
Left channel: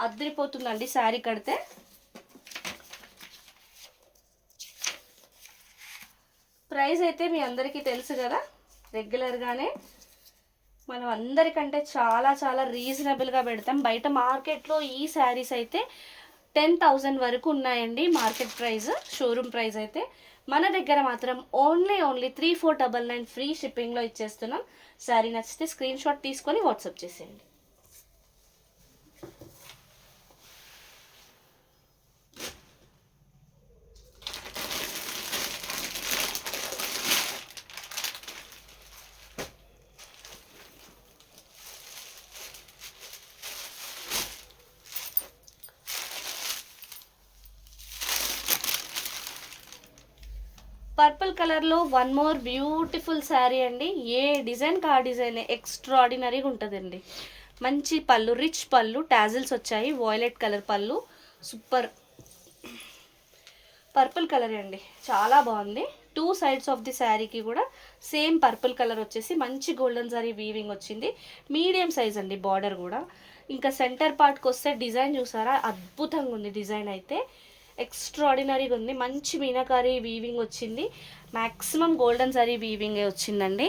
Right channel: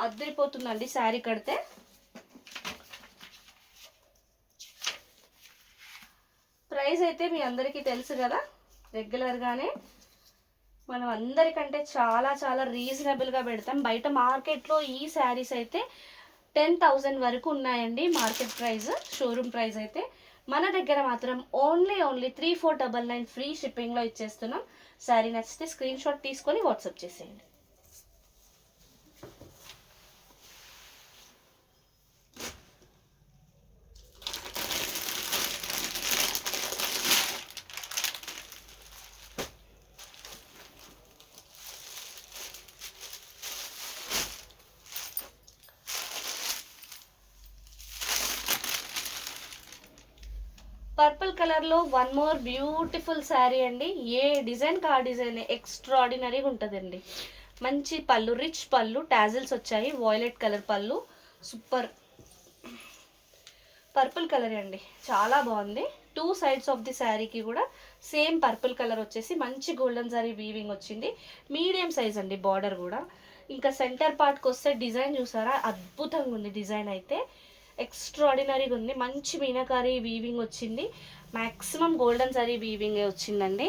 అద్దరిపోతుందండి శారీ కడితే. ప్రైస్ అయితే మీ అందరికీ తెలుసు కదా, రెగ్యులర్గానే మనం అందరికంటే చాలా చాలా రీజనబుల్గా పెడతాం. బయట మార్కెట్లో ఈ శారీస్ అయితే 10,000 వరకు ఉన్నాయండి మార్కెట్ ప్రైస్, షోరూమ్ ప్రైస్ అయితే. మన దగ్గర మాత్రం ఓన్లీ 3499 ఫ్రీ షిప్పింగ్లో ఇచ్చేస్తున్నాం. శారీ నచ్చితే స్క్రీన్ షాట్ తీసుకొని వాట్సాప్ చేసేయండి. పర్పుల్ కలర్లో 1 మోర్ బ్యూటిఫుల్ శారీ అండి. ఏ డిజైన్ కా డిజైన్ ఎక్స్ట్రాడినరీగా ఉంటుందండి. మంచి పళ్ళు, రిచ్ పళ్ళు, టాజిల్స్ వచ్చాయి, వాయిలెట్ కలర్ పళ్ళు, సూపర్. పర్పుల్ కలర్ అండి, చాలా బాగుంది. 2 సైడ్స్ ఆఫ్ ది శారీకి కూడా సేమ్ పర్పుల్ కలర్ వచ్చేసి మంచి గోల్డెన్ జరీ వీవింగ్ వచ్చింది. మీడియం సైజ్ అండి బార్డర్ కూడా. ఇంకా సెంటర్ పార్ట్కి వస్తే డిజైన్ చూసారా, అద్భుతంగా ఉంది డిజైన్ అయితే, ఎక్స్ట్రాడినరీగా ఉంది. మంచి మీనాకారి వీవింగ్ వచ్చింది, మ్యాక్సిమం గోల్డెన్ సారీ వీవింగే వచ్చిందండి.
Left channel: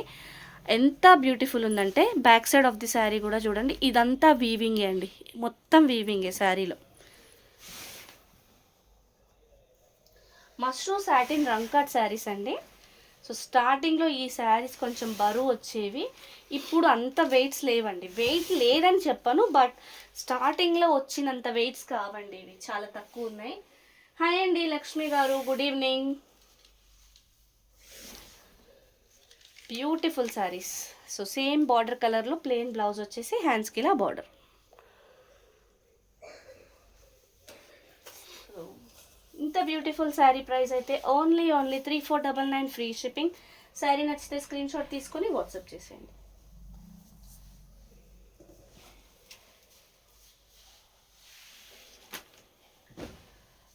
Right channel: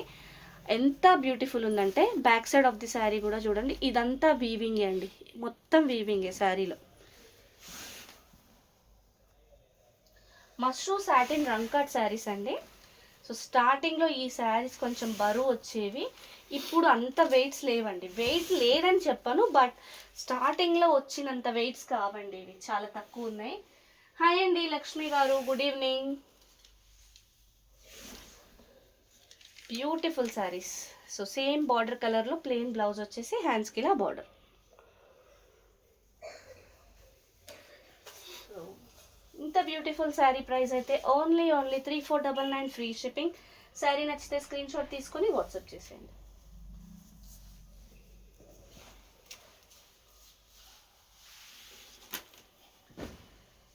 ఎంత బ్యూటిఫుల్ ఉందంటే back side of the sari కూడా చూడండి, ఇదంతా వీవింగే అండి, మొత్తం వీవింగే శారీలో. మష్రూ సాటిన్ రంకాట్ శారీస్ అండి. సో స్టార్టింగ్లో ఈ శారీస్ కొంచెం బరువు వచ్చేవి, ఇప్పుడు అంత వెయిట్స్ లేవండి. వెయిట్ లేదని చెప్పను, బట్ స్టార్టింగ్లో వచ్చినంత వెయిట్స్ కావండి, ఇవి చాలా తక్కువ ఉన్నాయి. హాయ్ అండి లక్ష్మి గారు, good evening. Beautiful saris. So same border కలర్లో ప్లెయిన్ బ్లౌజ్ వచ్చేసి హ్యాండ్స్కి ఇలా బార్డర్. ఇంత బ్యూటిఫుల్ శారీ ప్రైస్ అయితే ఓన్లీ 3499 ఫ్రీ షిప్పింగ్. శారీ నచ్చితే స్క్రీన్ షాట్ తీసుకొని వాట్సాప్ చేసేయండి.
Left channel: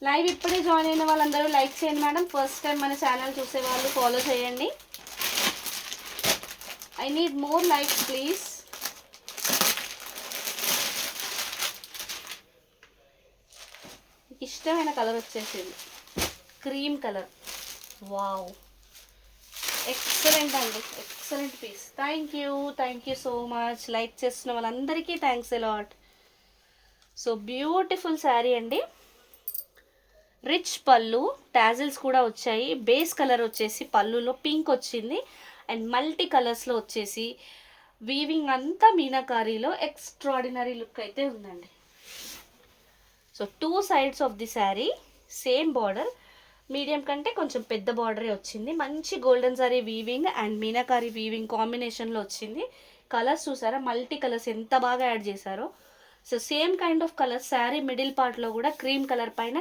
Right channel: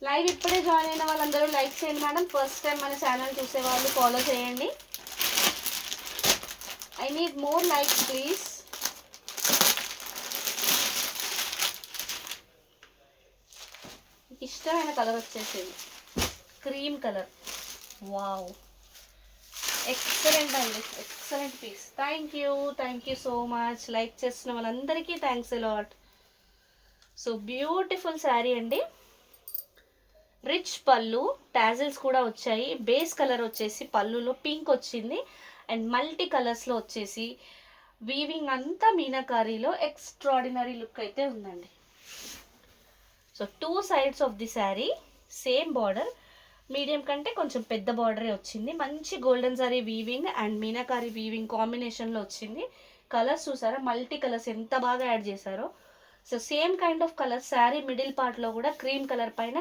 లైవ్ ఇప్పుడే జాయిన్ అయిన వాళ్ళందరూ లైక్ చేయండి మేడం. ఫస్ట్ టైం మన ఛానల్ చూసే వాళ్ళు ఫాలో చేయండి. I need more likes please. ఇష్టమైన కలర్ వచ్చేసింది క్రీమ్ కలర్. వావ్, ఎక్సలెంట్ అండి, excellent piece. Thank you so much. Like చేస్తున్న వాళ్ళందరికీ thanks a lot. So beautiful sari అండి, రిచ్ పళ్ళు, టాజిల్స్ కూడా వచ్చాయి. బేస్ కలర్ వచ్చేసి పళ్ళులో పింక్ వచ్చింది, అండ్ మల్టీ కలర్స్లో వచ్చేసి వీవింగ్ అంతా మీనాకారీలో ఎక్స్ట్రాడినరీ లుక్ అయితే ఉందండి. So 2 sides of the sari same border, medium కంటే కొంచెం పెద్ద బార్డరే వచ్చింది. మంచి golden zari weaving and meenakari weaving కాంబినేషన్లో వచ్చింది. కలర్స్ చూసారా, మల్టీ కలర్స్ ఎంత బాగా యాడ్ చేశారో. So same kind of colour sari middle పార్ట్లో కూడా క్రీమ్ కలర్ పైన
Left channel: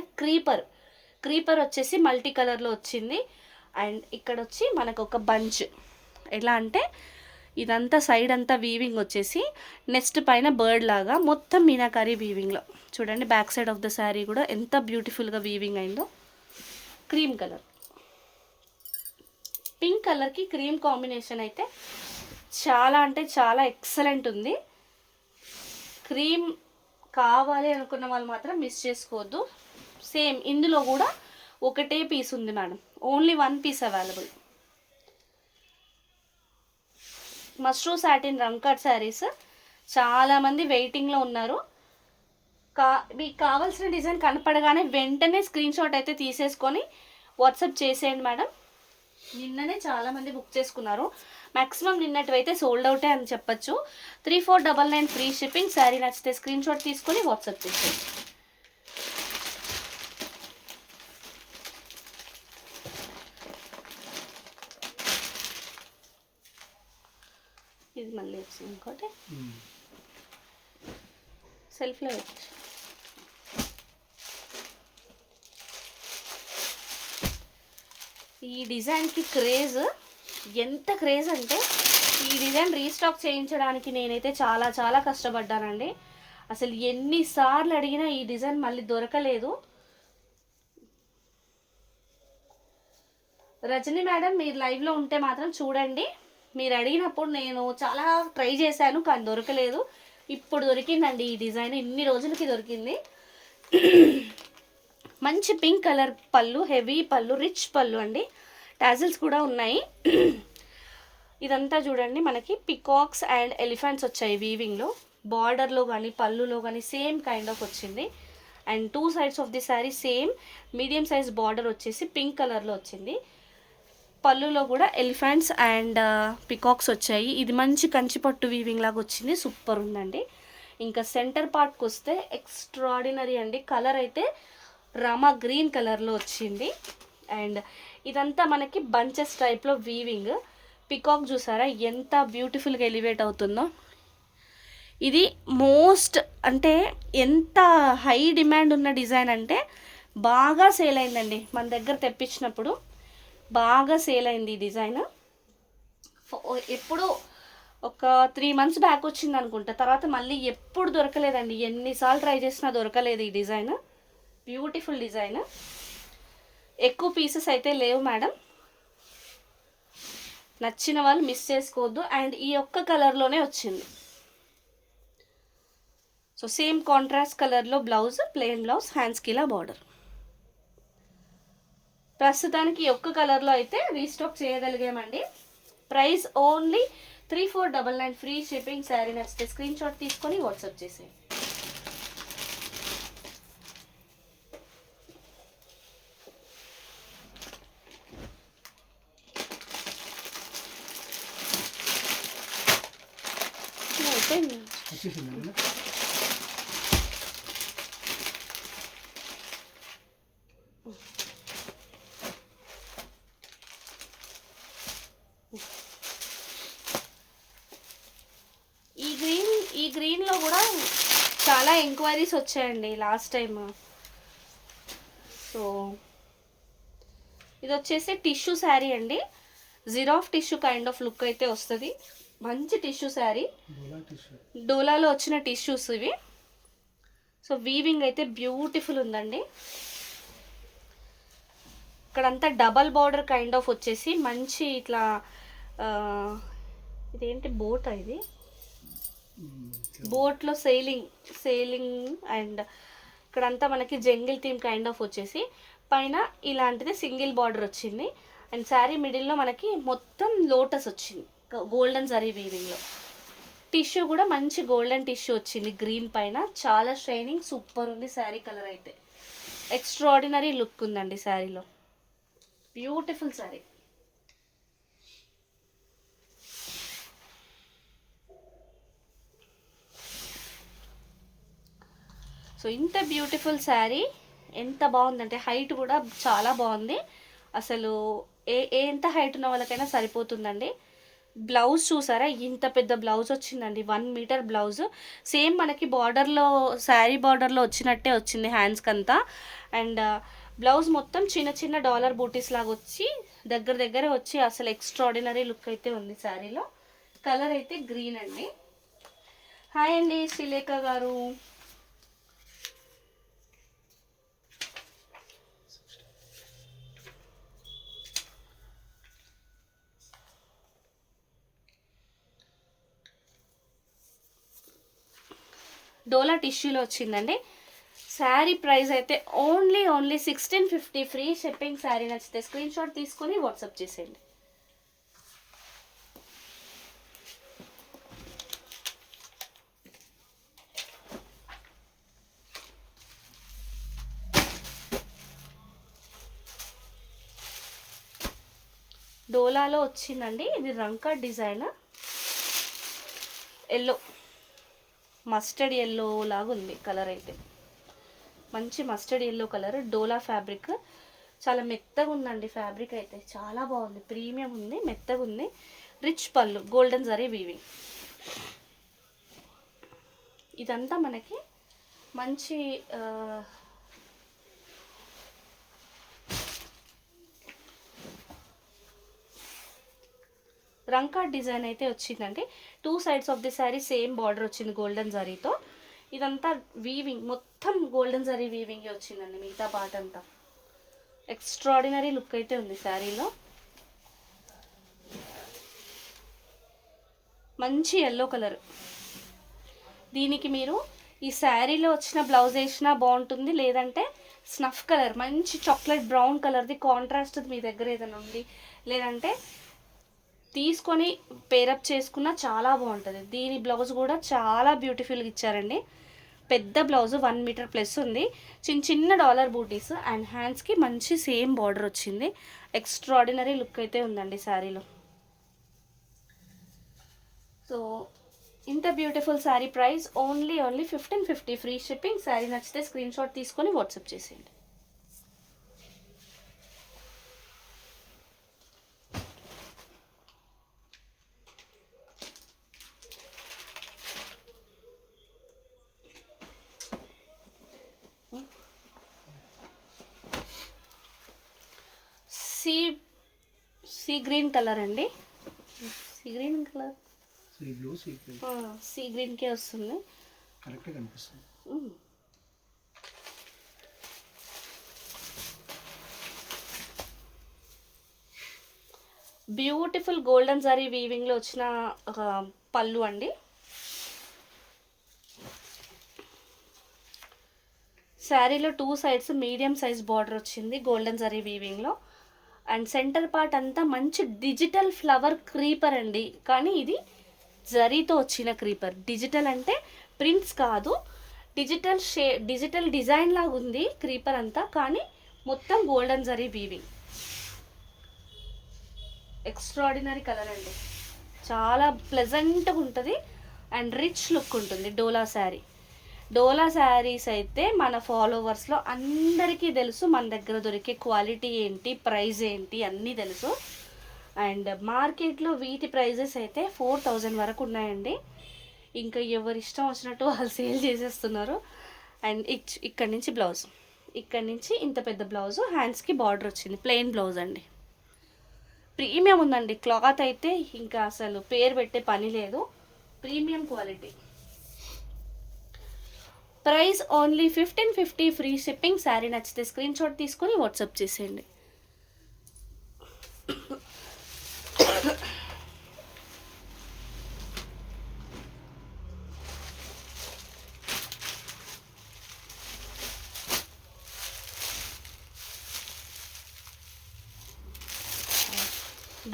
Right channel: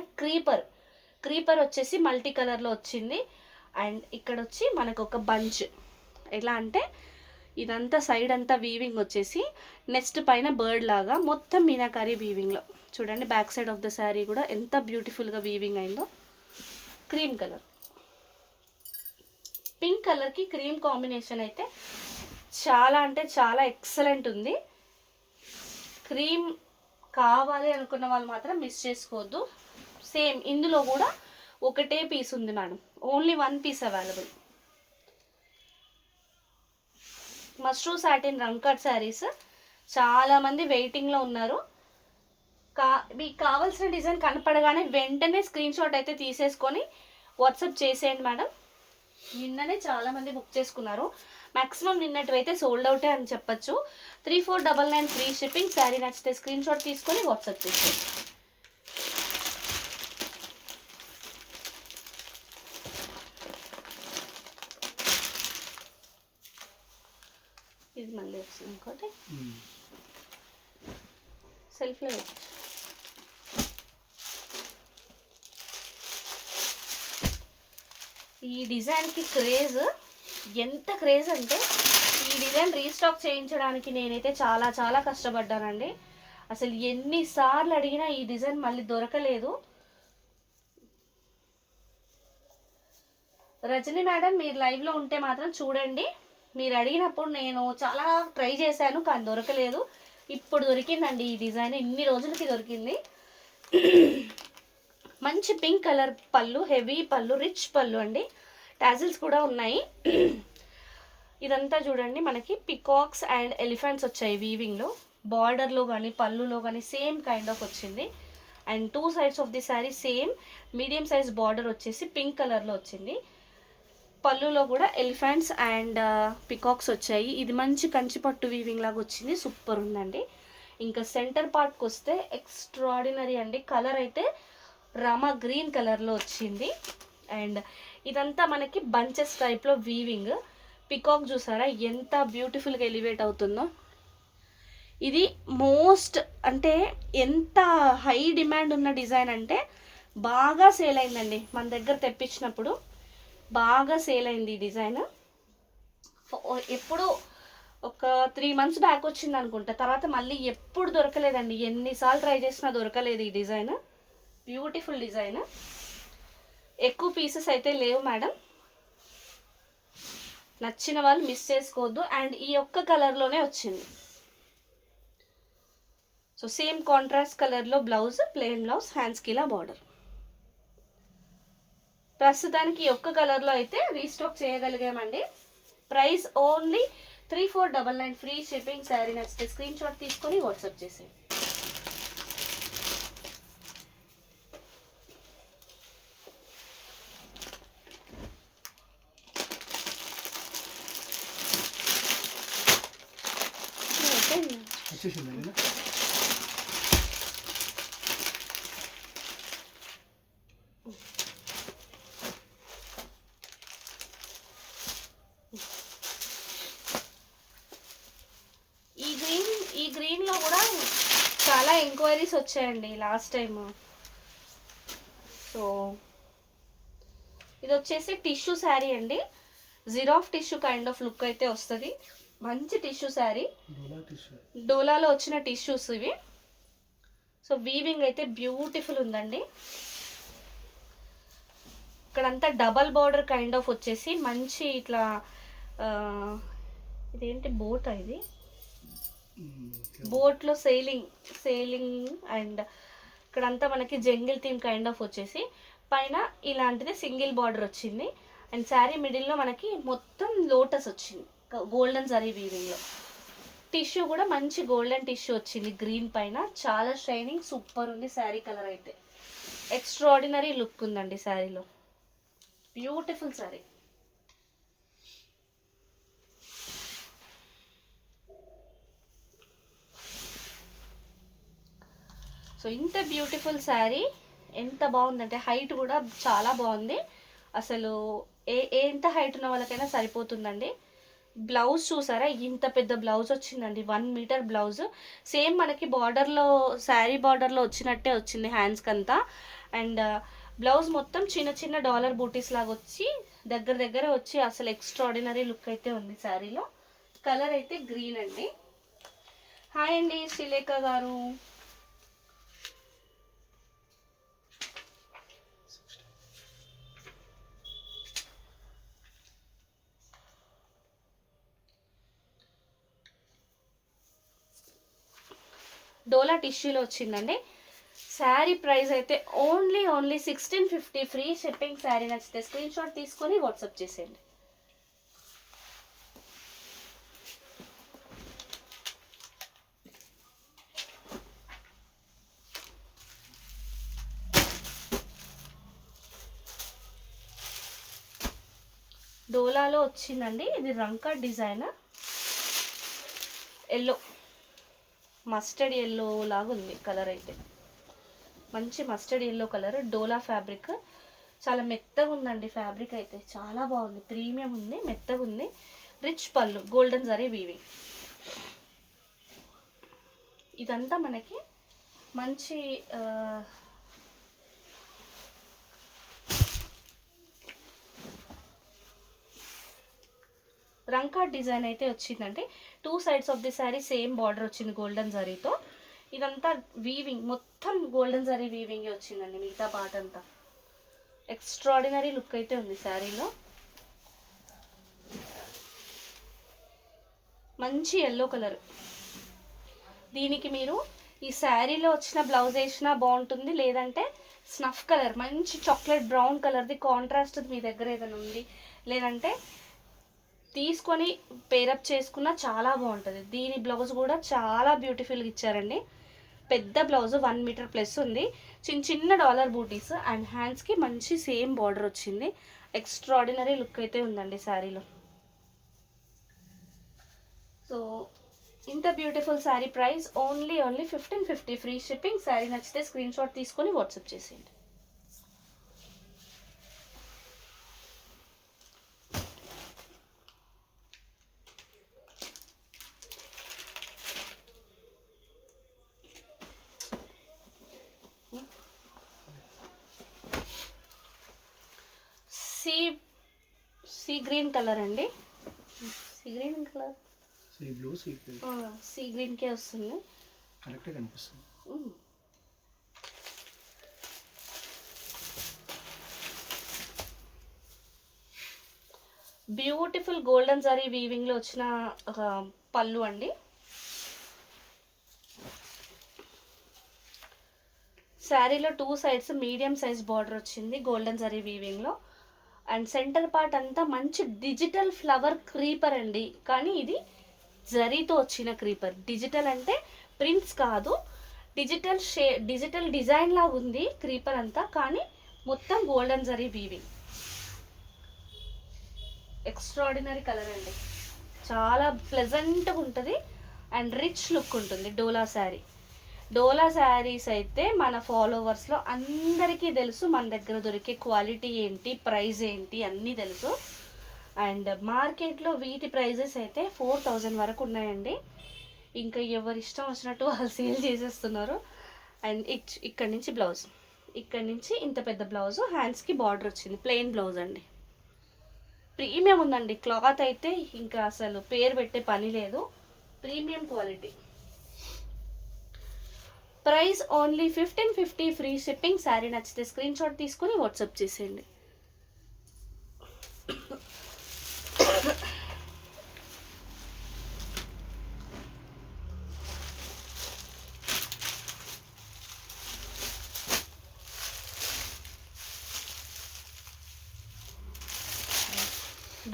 క్రీపర్ వచ్చేసి మల్టీ కలర్లో వచ్చింది. అండ్ ఇక్కడ వచ్చి మనకు ఒక బంచ్, ఎలా అంటే ఇదంతా సైడ్ అంతా వీవింగ్ వచ్చేసి నెక్స్ట్ పైన బర్డ్ లాగా మొత్తం మీనాకారీ వీవింగ్లో చూడండి. Back side of the sari కూడా ఎంత బ్యూటిఫుల్గా వీవింగ్ అయిందో. క్రీమ్ కలర్, పింక్ కలర్కి క్రీమ్ కాంబినేషన్ అయితే చాలా అంటే చాలా ఎక్సలెంట్ ఉంది. క్రీమ్ కావాలి అనుకున్న వాళ్ళు మాత్రం మిస్ చేసుకోవద్దు. సేమ్ ఇందులో కూడా ఒకటే పీస్ ఉంది madam, only 1 piece available. Mashru satin rangkat saris చాలామంది వెయిటింగ్లో ఉన్నారు. మీకు కావాల్సిన డిజైన్ కనపడగానే వెంటనే స్క్రీన్ షాట్ అయితే తీసేసుకొని వాట్సాప్ చేసేయండి మేడం. నిన్ననే చాలామంది బుక్ చేసుకున్నారు, మ్యాక్సిమం నిన్నటివైతే సోల్డ్ అవుటే అని చెప్పచ్చు. 3499 ఫ్రీ షిప్పింగ్. శారీ నచ్చితే స్క్రీన్ షాట్ తీసుకొని వాట్సాప్ చేసేయండి. ఇది మళ్ళీ వచ్చింది ఇంకోటి సెల్ఫ్లో వచ్చి. ఈ డిజైన్కి క్రేజ్, ఎంత క్రేజ్ అంటే ఈ డిజైన్ రీస్టాక్ చేయించడానికి నేనైతే చాలా చాలా కష్టపడ్డానండి. అసలు ఎన్నిసార్లు అడిగినా ఈ డిజైన్ మళ్ళీ దొరకలేదు. రజని మేడం మీరు లైవ్లో ఉంటే మాత్రం చూడండి. మీరు అడిగినప్పుడు నేను చాలా ట్రై చేశాను కానీ దొరకలేదు. ఇప్పుడు దొరికిందండి ఈ డిజైన్, ఇన్ని రోజులకి దొరికింది. మంచి పింక్ కలర్ పళ్ళు, హెవీ పళ్ళు, రిచ్ పళ్ళు అండి. టాజిల్స్ కూడా ఉన్నాయి. ఇదంతా చూడండి మనకి పికాక్స్ అండ్ ఎలిఫెంట్స్ వచ్చాయి వీవింగ్లో. బార్డర్లో కానీ పళ్ళులో కానీ సేమ్ కైండ్ ఆఫ్ వచ్చింది. And 2 sides of the sari same medium size border వచ్చేసి పింక్ కలర్లో వచ్చింది. పళ్ళులో కూడా ఎలిఫెంట్స్ అండ్ పికాక్స్ వచ్చాయి. ఇది మంచి కంచిపట్టు వీవింగ్ లాగా వచ్చింది, సూపర్ ఉందండి. ఇంకా సెంటర్ పార్ట్కి వస్తే ఎక్స్ట్రాడినరీ అండి. కలర్ అయితే రామా గ్రీన్ కలర్లో వచ్చింది. అండ్ ఇదంతా మనకి బంచెస్ టైప్లో వీవింగ్. పికాక్ చూసారా ఎంత బ్యూటిఫుల్గా ఎలివేట్ అవుతుందో. ఇది మోస్ట్ అంటే ఎంత హై డిమాండ్ ఉన్న డిజైన్ అంటే బాగా సేల్ అయిందండి. మన దగ్గర తెప్పించినప్పుడు బాగా సేల్ అయింది ఈ డిజైన్. ఎప్పుడు ఒక 3 months బ్యాక్ వచ్చింది అనుకుంటా, తర్వాత మళ్ళీ ఎప్పుడు దొరకలేదండి. ఎన్నిసార్లు ట్రై చేసినా దొరకలేదు ఈ డిజైన్. Beautiful design. ఎక్కువ పీసెస్ అయితే లేవు మేడం, నచ్చిన వాళ్ళు మిస్ చేసుకోవద్దు. అండ్ ఈ ఒక్క కలర్లోనే వచ్చింది. సో సేమ్ కాంట్రాస్ట్ కలర్లో బ్లౌజ్, ప్లెయిన్ బ్లౌజ్, హ్యాండ్స్కి ఇలా బార్డర్. ప్రస్తుతానికి ఈ ఒక్క కలర్లో అయితే రీస్టాక్ చేయగలిగామండి. Price only 3499 free shipping. Sari నచ్చితే స్క్రీన్ షాట్ తీసుకొని వాట్సాప్ చేసేయండి. ఈ గ్రీన్లో కూడా చాలా ఎంక్వైరీస్ వచ్చాయండి లాస్ట్ టైం. సో ఇది వచ్చేసి టిష్యూ శారీ అండి. Giraffe tissue kind of look అయితే వస్తుంది. మంచి టిష్యూ శారీ, డోలాలో వచ్చిన టిష్యూస్ ఇవి. సో వీవింగ్ అయితే బ్యూటిఫుల్ ఉందండి. ఇక్కడంతా డబల్ బార్డర్ కైండ్ ఆఫ్ వచ్చేసి మంచి ఇట్లా ఇదేంటి బోట్, ఇది బోట్లో సేలింగ్ అండ్ ఇక్కడంతా మనకి జంగిల్ థీమ్ కైండ్ ఆఫ్ వచ్చేసి పైన ఇలాంటిది సింగిల్ బార్డర్ వచ్చింది. అండ్ శారీ మిడిల్లో మనకి మొత్తం లోటస్ వచ్చింది గోల్డెన్ జరీ వీవింగ్లో. టిష్యూ కూడా మంచి గోల్డెన్ టిష్యూ వచ్చింది గ్రీన్ పైన. చాలా షైనింగ్, సూపర్ ఉంది శారీ. కలర్ అయితే ఎక్స్ట్రాడినరీ లుక్ ఉందండి శారీలో. బ్యూటిఫుల్ శారీ. సో ఇంత బ్యూటిఫుల్ శారీ ఎంత బాగుందంటే హైట్ కూడా చాలా బాగుంది. అసలు ఎంత హైట్ ఉన్న వాళ్ళకైనా సరిపోతుందండి. బ్లౌజ్ చూసారా ఇంత పెద్ద బ్లౌజ్ వచ్చిందండి, 1 మీటర్ బ్లౌజ్. సేమ్ మనకి బార్డర్లో శారీ బార్డర్లో వచ్చినట్టే వచ్చింది హ్యాండ్స్కి అంతా. అండ్ బ్లౌజ్ మొత్తం చిన్న చిన్న డాలర్ బూటీస్ లాగా వచ్చి దగ్గర వచ్చి అసలు ఎక్స్ట్రాడినరీ లుక్ అయితే ఉంది శారీలో. కలర్ అయితే గ్రీన్ అండి. హాయ్ అండి శ్రీలేఖ గారు. డోలా టిష్యూలో వచ్చిందండి. శారీ ప్రైస్ అయితే ఓన్లీ 1650 ఫ్రీ షిప్పింగ్. శారీ నచ్చితే స్క్రీన్ షాట్ తీసుకొని వాట్సాప్ చేసేయండి. డోలాలో వచ్చిందండి, ఇది రంకా డిజైన్. ఎల్లో, మస్టర్డ్ ఎల్లో లాగా ఉంది కలర్ అయితే. మంచి మస్టర్డ్ ఎల్లో కలర్, డోలా ఫ్యాబ్రిక్. చాలా మెత్తగా ఉందండి ఫ్యాబ్రిక్ అయితే, చాలా బాగుంది, ప్రీమియం ఉంది, మెత్తగా ఉంది. రిచ్ పళ్ళు, గోల్డెన్ జరీ వీవింగ్. ఇదంతా మనకి మంచి రంకా డిజైన్ అయితే వచ్చిందండి. 2 sides of the sari same border వచ్చింది గోల్డెన్ జరీతో. ఇదంతా వీవింగ్, మొత్తం గోల్డెన్ జరీ వీవింగ్ వచ్చిందండి. మిగతా పార్ట్ అంతా ఎక్స్ట్రాడినరీ లుక్ అయితే ఉంది శారీలో. మంచి ఎల్లో కలర్. దీనికి మీరు ఈ శారీలో వచ్చిన బ్లౌజ్ వేసినా బాగుంటుంది, లేదంటే స్నఫ్ కలర్ మంచి చాక్లెట్ బ్రౌన్ కలర్ది కాంట్రాస్ట్ మీ దగ్గర ఏదైనా ఉంది, లేదంటే తీసుకొని పేరప్ చేసుకున్న చాలా బాగుంటుంది. దీని బ్లౌజ్ కూడా చాలా బ్యూటిఫుల్గా ఇచ్చారండి. పెద్ద బ్లౌజ్ 1 మీటర్ ప్లస్ ఉంది, చిన్న చిన్న డాలర్ బూటీస్ అండ్ హ్యాండ్స్కి మంచి సేమ్ బార్డర్ వచ్చింది. ఎక్స్ట్రాడినరీ లుక్ అయితే ఉందండి శారీలో. సో ఇంత beautiful sari price only 1550 free shipping. Sari నచ్చితే స్క్రీన్ షాట్ తీసుకొని వాట్సాప్ చేసేయండి. సీ గ్రీన్ కలర్ అండి, sea green colour, sea blue, sea green, sea green కే వస్తుంది, కరెక్ట్ కనిపిస్తుంది. బ్యూటిఫుల్ గోల్డెన్ జరీ వీవింగ్ లో వచ్చిన పళ్ళు అండి. శారీలో 2 సైడ్స్ మీడియం సైజ్ బార్డర్ వచ్చింది గోల్డెన్ జరీ వీవింగ్ లో. అండ్ సెంటర్ పార్ట్ అంతా మంచి డిజిటల్ ఫ్లవర్ క్రీపర్ అండి, కానీ ఇది జరీతో వచ్చిన క్రీపర్. డిజిటల్ అంటే ప్రింట్స్ కాదు, డిజిటల్ డిజైన్ లాగా ఉంది క్రీపర్ అంతా, కానీ మొత్తం golden zari weaving. Extraordinary colour అండి, చాలా ప్లెజెంట్గా ఉంటుంది అండ్ రిచ్ లుక్ ఉంటుంది. డోలా శారీ, డోలా శారీస్ అయితే మన ఫాలోవర్స్లో అందరికీ తెలుసు, మన దగ్గర దొరికే క్వాలిటీ ఏంటి, ప్రైస్ ఏంటి అన్నీ తెలుసు. అండ్ మార్కెట్లో వీటి ప్రైజెస్ అయితే 4000 వరకు ఉన్నాయండి. ఇంకా ఎవరి ఇష్టం వచ్చినట్టు వాళ్ళు సేల్ చేసేస్తున్నారు. అండ్ ఇక్కడ నుంచి బ్లౌజ్, ఇక్కడ నుంచి ఇంత పెద్ద బ్లౌజ్, హ్యాండ్స్కి బార్డర్ వచ్చింది, ప్లెయిన్ బ్లౌజ్ అండి. ప్రీమియం ఉందండి క్లాత్ అయితే, ఇంకా అసలు పేరు పెట్టే పని లేదు, premium quality. Price only 1550 free shipping. Sari నచ్చితే స్క్రీన్ షాట్ తీసుకొని వాట్సాప్ చేసేయండి.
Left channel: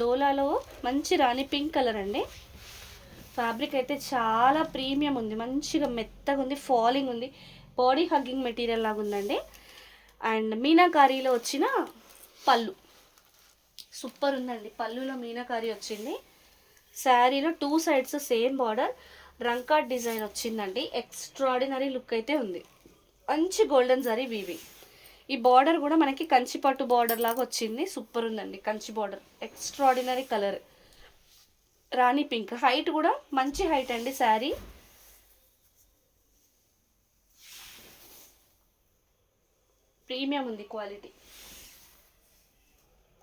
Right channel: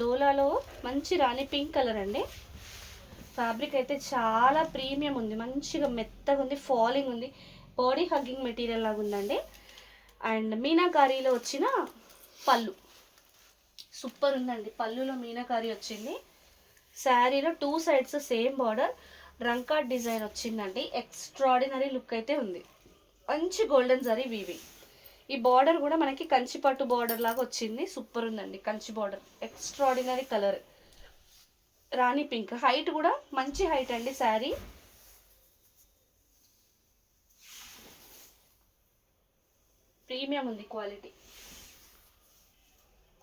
డోలాలో మంచి రాణి పింక్ కలర్ అండి. ఫ్యాబ్రిక్ అయితే చాలా ప్రీమియం ఉంది, మంచిగా మెత్తగా ఉంది, ఫాలింగ్ ఉంది, బాడీ హగ్గింగ్ మెటీరియల్ లాగా ఉందండి. అండ్ మీనాకారీలో వచ్చిన పళ్ళు సూపర్ ఉందండి, పళ్ళులో మీనాకారీ వచ్చింది. శారీలో 2 సైడ్స్ సేమ్ బార్డర్, రంకా డిజైన్ వచ్చిందండి. ఎక్స్ట్రాడినరీ లుక్ అయితే ఉంది, మంచి గోల్డెన్ జరీ వీవింగ్. ఈ బార్డర్ కూడా మనకి కంచి పట్టు బార్డర్ లాగా వచ్చింది, సూపర్ ఉందండి. కంచి బార్డర్, ఎక్స్ట్రాడినరీ కలర్, రాణి పింక్. హైట్ కూడా మంచి హైట్ అండి శారీ. ప్రీమియం ఉంది క్వాలిటీ.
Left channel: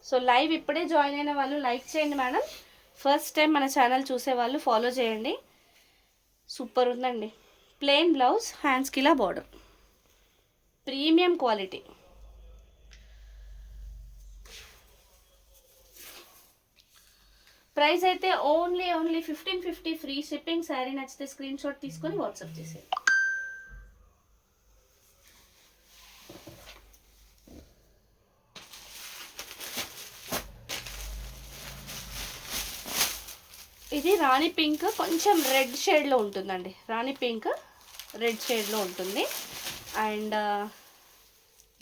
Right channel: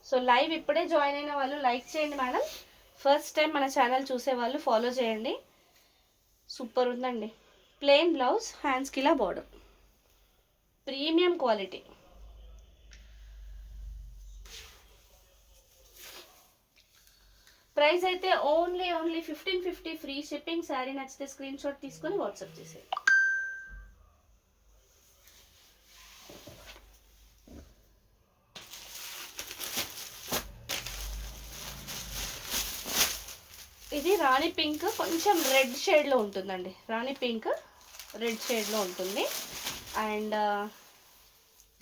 సో లైవ్ ఇప్పుడే జాయిన్ అయిన వాళ్ళు లైక్ చేయండి మేడం, ఫస్ట్ టైం మన ఛానల్ చూసే వాళ్ళు ఫాలో చేయండి. సూపర్ ఉందండి. ప్లెయిన్ బ్లౌజ్, హ్యాండ్స్కి ఇలా బార్డర్, ప్రీమియం క్వాలిటీ. ప్రైస్ అయితే ఓన్లీ 1550 ఫ్రీ షిప్పింగ్. శారీ నచ్చితే స్క్రీన్ షాట్ తీసుకొని వాట్సాప్ చేసేయండి. ఇది రాణి పింక్ కొంచెం రెడ్ షేడ్లో ఉంటుందండి. రాణి పింక్ రెడ్ షేడ్లో ఉంటుంది. అండ్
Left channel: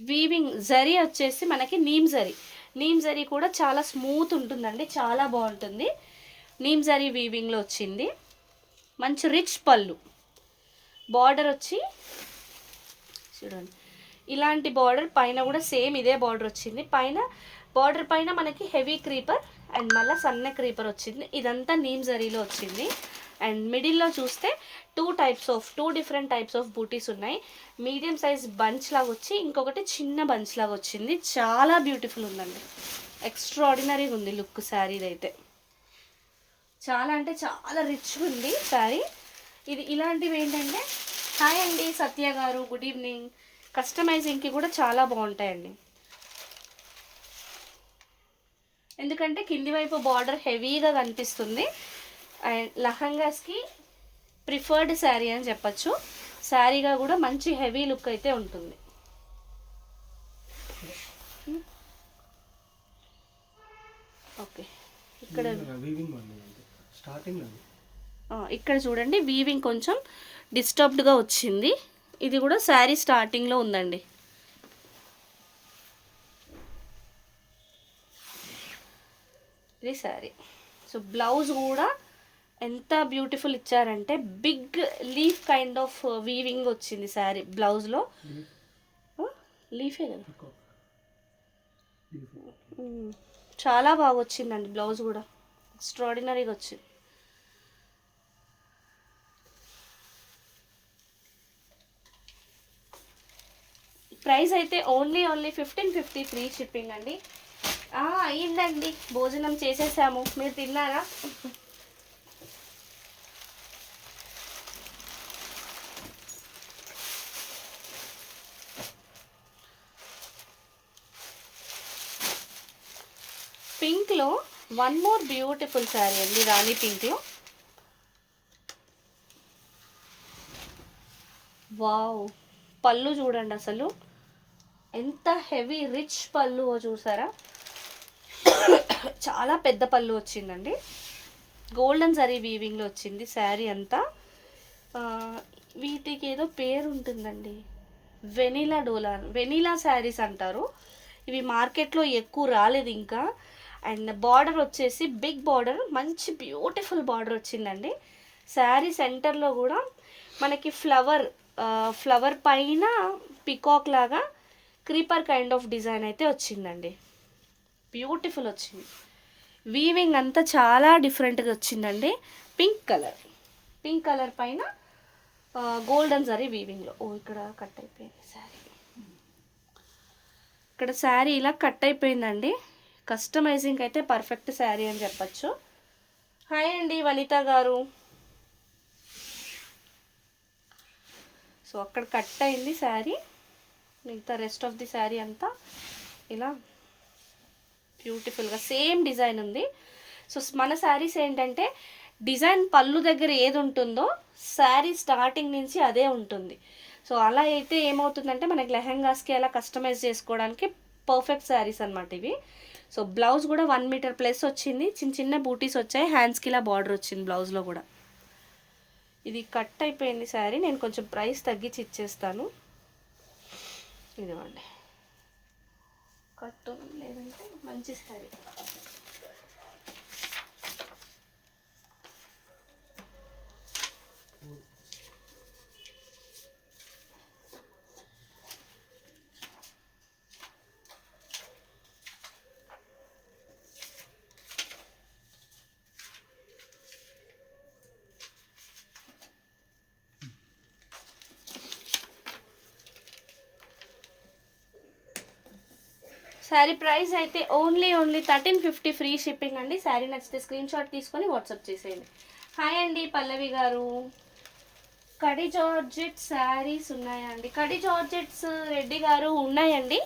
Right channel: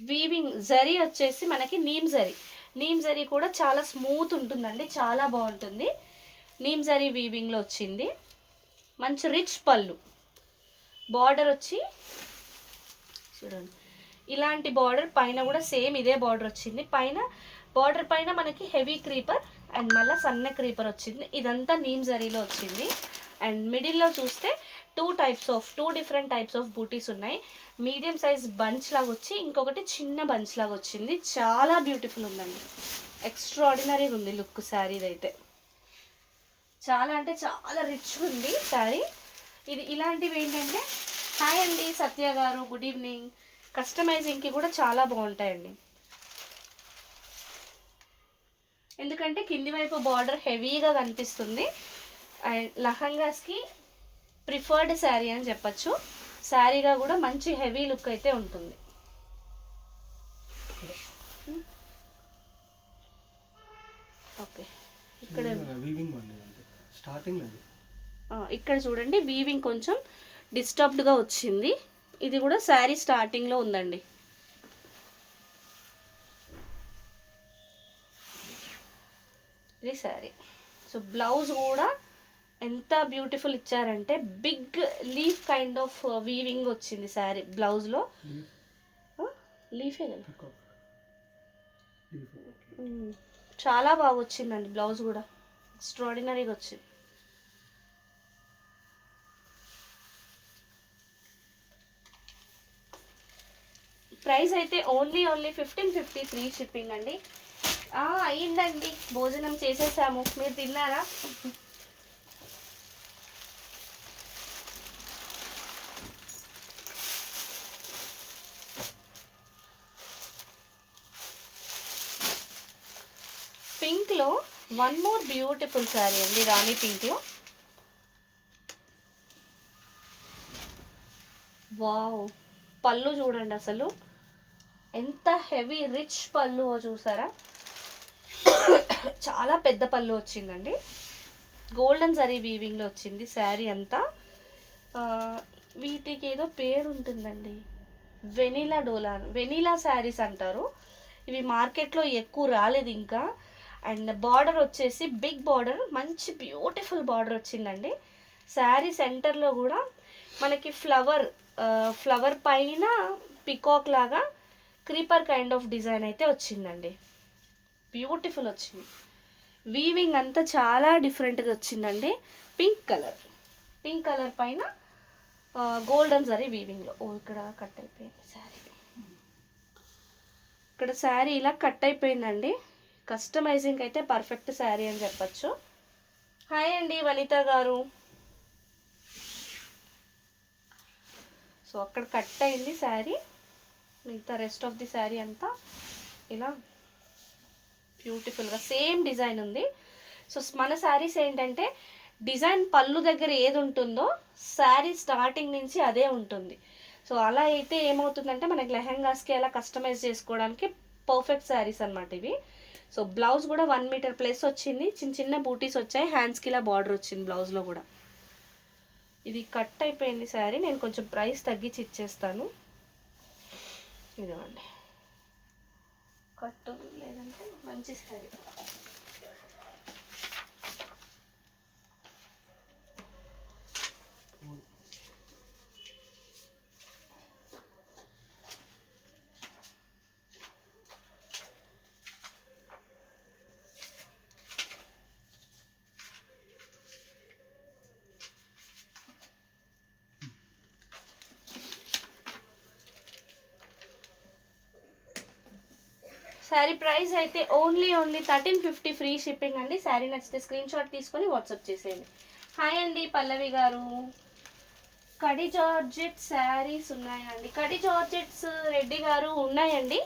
వీవింగ్ జరీ వచ్చేసి మనకి నీమ్ జరీ కూడా చాలా స్మూత్ ఉంటుందండి, చాలా బాగుంటుంది. నీమ్ జరీ వీవింగ్లో వచ్చింది. మంచి రిచ్ పళ్ళు, బార్డర్ వచ్చి చూడండి ఇలాంటి బార్డర్, పైన కూడా సేమ్ ఇదే బార్డర్ వచ్చింది. పైన బార్డర్ పైన మనకి హెవీ క్రీపర్ అండ్ మళ్ళీ సన్న క్రీపర్ వచ్చింది. ఇదంతా నీమ్ జరీలో వచ్చింది. అండ్ మిడిల్లో చూస్తే టూ డిఫరెంట్ టైప్స్ ఆఫ్ బూటీస్ ఉన్నాయి. మీడియం సైజ్ బంచ్ లాగా వచ్చి ఇంకొకటి చిన్న బంచ్ లాగా వచ్చింది. చాలా బ్యూటిఫుల్ ఉందండి, ఎక్స్ట్రాడినరీగా ఉంది లుక్ శారీది అయితే. చాలా అంటే చాలా రిచ్గా ఉంది శారీ. ఇది ఇలాంటివి ఏంటంటే, హాయ్ అండి సత్య గారు, గుడ్ ఈవినింగ్. కస్టమైజింగ్కి కూడా చాలా బాగుంటాయండి, ఎందుకంటే కింది వైపు బార్డర్ హెవీగా కనిపిస్తుంది. అండ్ లహంగాస్కి ప్రిఫర్డ్ శారీ అని చెప్పచ్చు. శారీగా కూడా మంచి హెవీ లుక్ అయితే ఉంటుంది. ఓకే, ఇక్కడ ఇక్కడ చూడండి వీవింగ్ కొంచెం డిస్టర్బ్డ్గా వచ్చింది. ఇది కూడా శారీ స్టార్టింగ్లో ఉందండి. ఇది శారీ. సో బ్లౌజ్ కూడా ఎంత బ్యూటిఫుల్ ఇచ్చారంటే, big leaf kind of weaving వచ్చింది శారీ బ్లౌజ్లో. లీఫే కదా, చాలా బాగా వచ్చిందండి బ్లౌజ్ కూడా, ఎక్స్ట్రాడినరీగా వచ్చింది. ప్రైస్ అయితే ఓన్లీ 1550 ఫ్రీ షిప్పింగ్ అండి. అయ్యిందండి, భోజనం చేసేసాము, మీరు తిన్నారా? పింక్లో వన్ మోర్ బ్యూటిఫుల్ శారీ అండి, రాణి పింక్లో. వావ్, పళ్ళు చూడండి అసలు ఎంత హెవీ రిచ్ పళ్ళు చూసారా, చాలా పెద్ద పళ్ళు వచ్చిందండి. గోల్డెన్ జరీ వీవింగ్లో వచ్చింది శారీ అంతా. వీటికి ఏదో పేరు ఉంటుందండి, వెనీలా శారీస్ అంటారు. ఇవి మార్కెట్లో ఎక్కువ రాలేదు ఇంకా. అండ్ బార్డర్ వచ్చేసి బిగ్ బార్డర్, మంచి బ్యూటిఫుల్ బార్డర్ వచ్చిందండి. శారీ సెంటర్లో కూడా మనకి ఫ్లవర్ పైన పికాక్ లాగా క్రీపర్ కైండ్ ఆఫ్ డిజైన్ అయితే వచ్చిందండి, బ్యూటిఫుల్ వచ్చింది. వీవింగ్ అంతా చాలా డిఫరెంట్గా వచ్చిందండి. పింక్ కలర్ పైన గోల్డెన్ జరీ వీవింగ్లో. ఇక్కడ కట్ అయిపోయింది శారీ, ఇక్కడ శారీ ఇలా కట్ అయిపోయిందండి. కస్టమైజింగ్ అయితే పర్ఫెక్ట్ శారీ అని చెప్పచ్చు. హాయ్ అండి వనిత గారు. సో అక్కడ కట్ అయింది శారీ, మిగతా రెస్ట్ ఆఫ్ ది శారీ అంతా ఇలా బ్యూటిఫుల్గా సేమ్ డిజైన్ ఉంది. సో మన శారీస్ ఏంటంటే, డిజైన్ పళ్ళు దగ్గర ఏది ఉంటుందో శారీ స్టార్టింగ్ నుంచి అదే ఉంటుంది. సో అలా అయితే ఏమవుతుందంటే, మనకి లెహెంగాస్కి అలా కస్టమైజ్ చేసుకోవడానికి పర్ఫెక్ట్ శారీస్ అనమాట ఇవి. సో బ్లౌజ్ కూడా 1 మీటర్ ప్లస్ వచ్చింది, చిన్న బూటీస్ వచ్చాయి, హ్యాండ్స్కి ఇలా బార్డర్ వచ్చింది బ్లౌజ్లో కూడా. ఇది కట్ అయిపోయింది శారీ, నేను కొంచెం ప్రైస్ తగ్గించి ఇచ్చేస్తాను. ఇదివ్వండి, కట్ లేదంటే మంచి శారీ. శారీ ప్రైస్ అయితే ఓన్లీ 1350 ఫ్రీ షిప్పింగ్ అండి. శారీ నచ్చితే స్క్రీన్ షాట్ తీసుకొని వాట్సాప్ చేసేయండి. హాయ్ అండి పల్లవి గారు. కడి జార్జెట్ శారీస్ ఉన్నాయా అండి? కడి జార్జెట్స్ రెడ్డి గారు ఉన్నాయండి.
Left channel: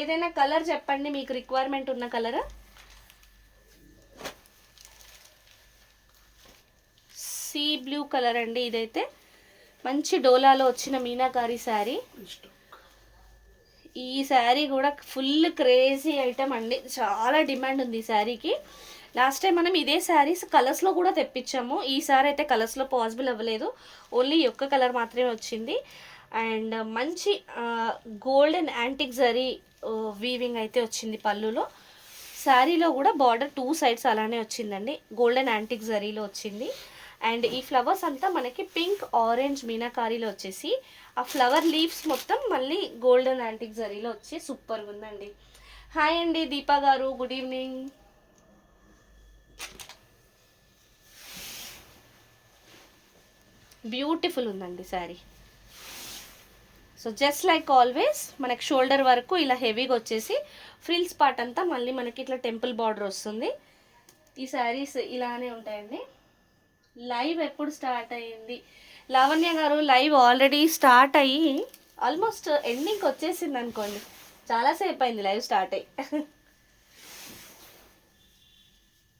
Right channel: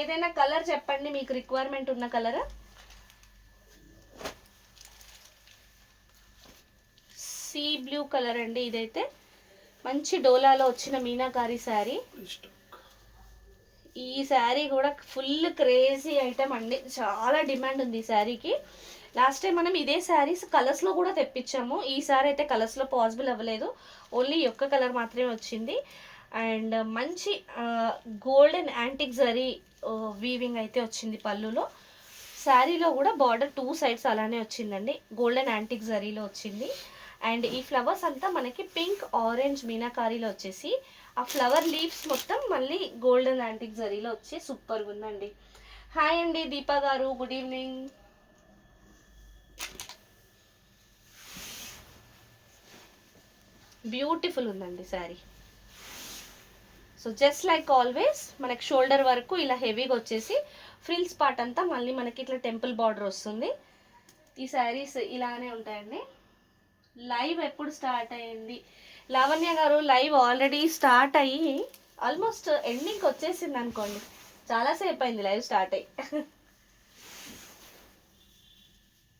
ఏదైనా కలర్ చెప్పండి, మీకు రిక్వైర్మెంట్ ఉన్న కలర్. సీ బ్లూ కలర్ అండి, ఇదైతే మంచి డోలాలో వచ్చిన మీనాకారి శారీ. ఈ శారీ కూడా ఫుల్ క్రేజీ ఐటమ్ అండి, చాలా డిమాండ్ ఉంది ఈ శారీకి. లాస్ట్ టైం మనం ఇదే శారీస్ కలర్స్లో కూడా తెప్పించాము, ఈసారి అయితే కలర్స్లో పాసిబుల్ అవ్వలేదు, ఓన్లీ ఒక్క కలర్ మాత్రమే వచ్చింది. అండ్ మంచి గోల్డెన్ యాంటిక్ జరీ వీవింగ్ అయితే వచ్చింది పళ్ళులో. శారీలో కూడా బార్డర్ 2 సైడ్స్ అలానే వచ్చిందండి, గోల్డెన్ యాంటిక్ జరీలో వచ్చింది. అండ్ ఈ ఫ్లవర్స్ అంతా మనకి పింక్ ఆరెంజ్ మీనాకారీలో వచ్చేసి, ఆ ఫ్లవర్ లీవ్స్ మొత్తం మళ్ళీ గోల్డెన్ యాంటిక్ జరీలో వచ్చి సూపర్గా ఉందండి. హాయ్ అండి దీపా గారు, గుడ్ ఈవినింగ్. బ్యూటిఫుల్ ఉందండి sari. So just like always మనకి షోల్డర్ వరకు ఇలా హెవీగా వచ్చేసి ఫ్రిల్స్ పార్ట్ అంతా మళ్ళీ మనకి ఇట్లా టెంపుల్ బార్డర్ వస్తుంది. ఈ శారీస్ ఇలానే ఉంటాయండి. లైవ్ ఎప్పుడు స్టార్ట్ అయ్యింది? లావణ్య గారు లైవ్ ఆల్రెడీ స్టార్ట్ అయ్యి ఆల్మోస్ట్ ఎండింగ్కి వచ్చేసింది అనుకోండి, చాలాసేపు అయింది లైవ్ స్టార్ట్ అయ్యి.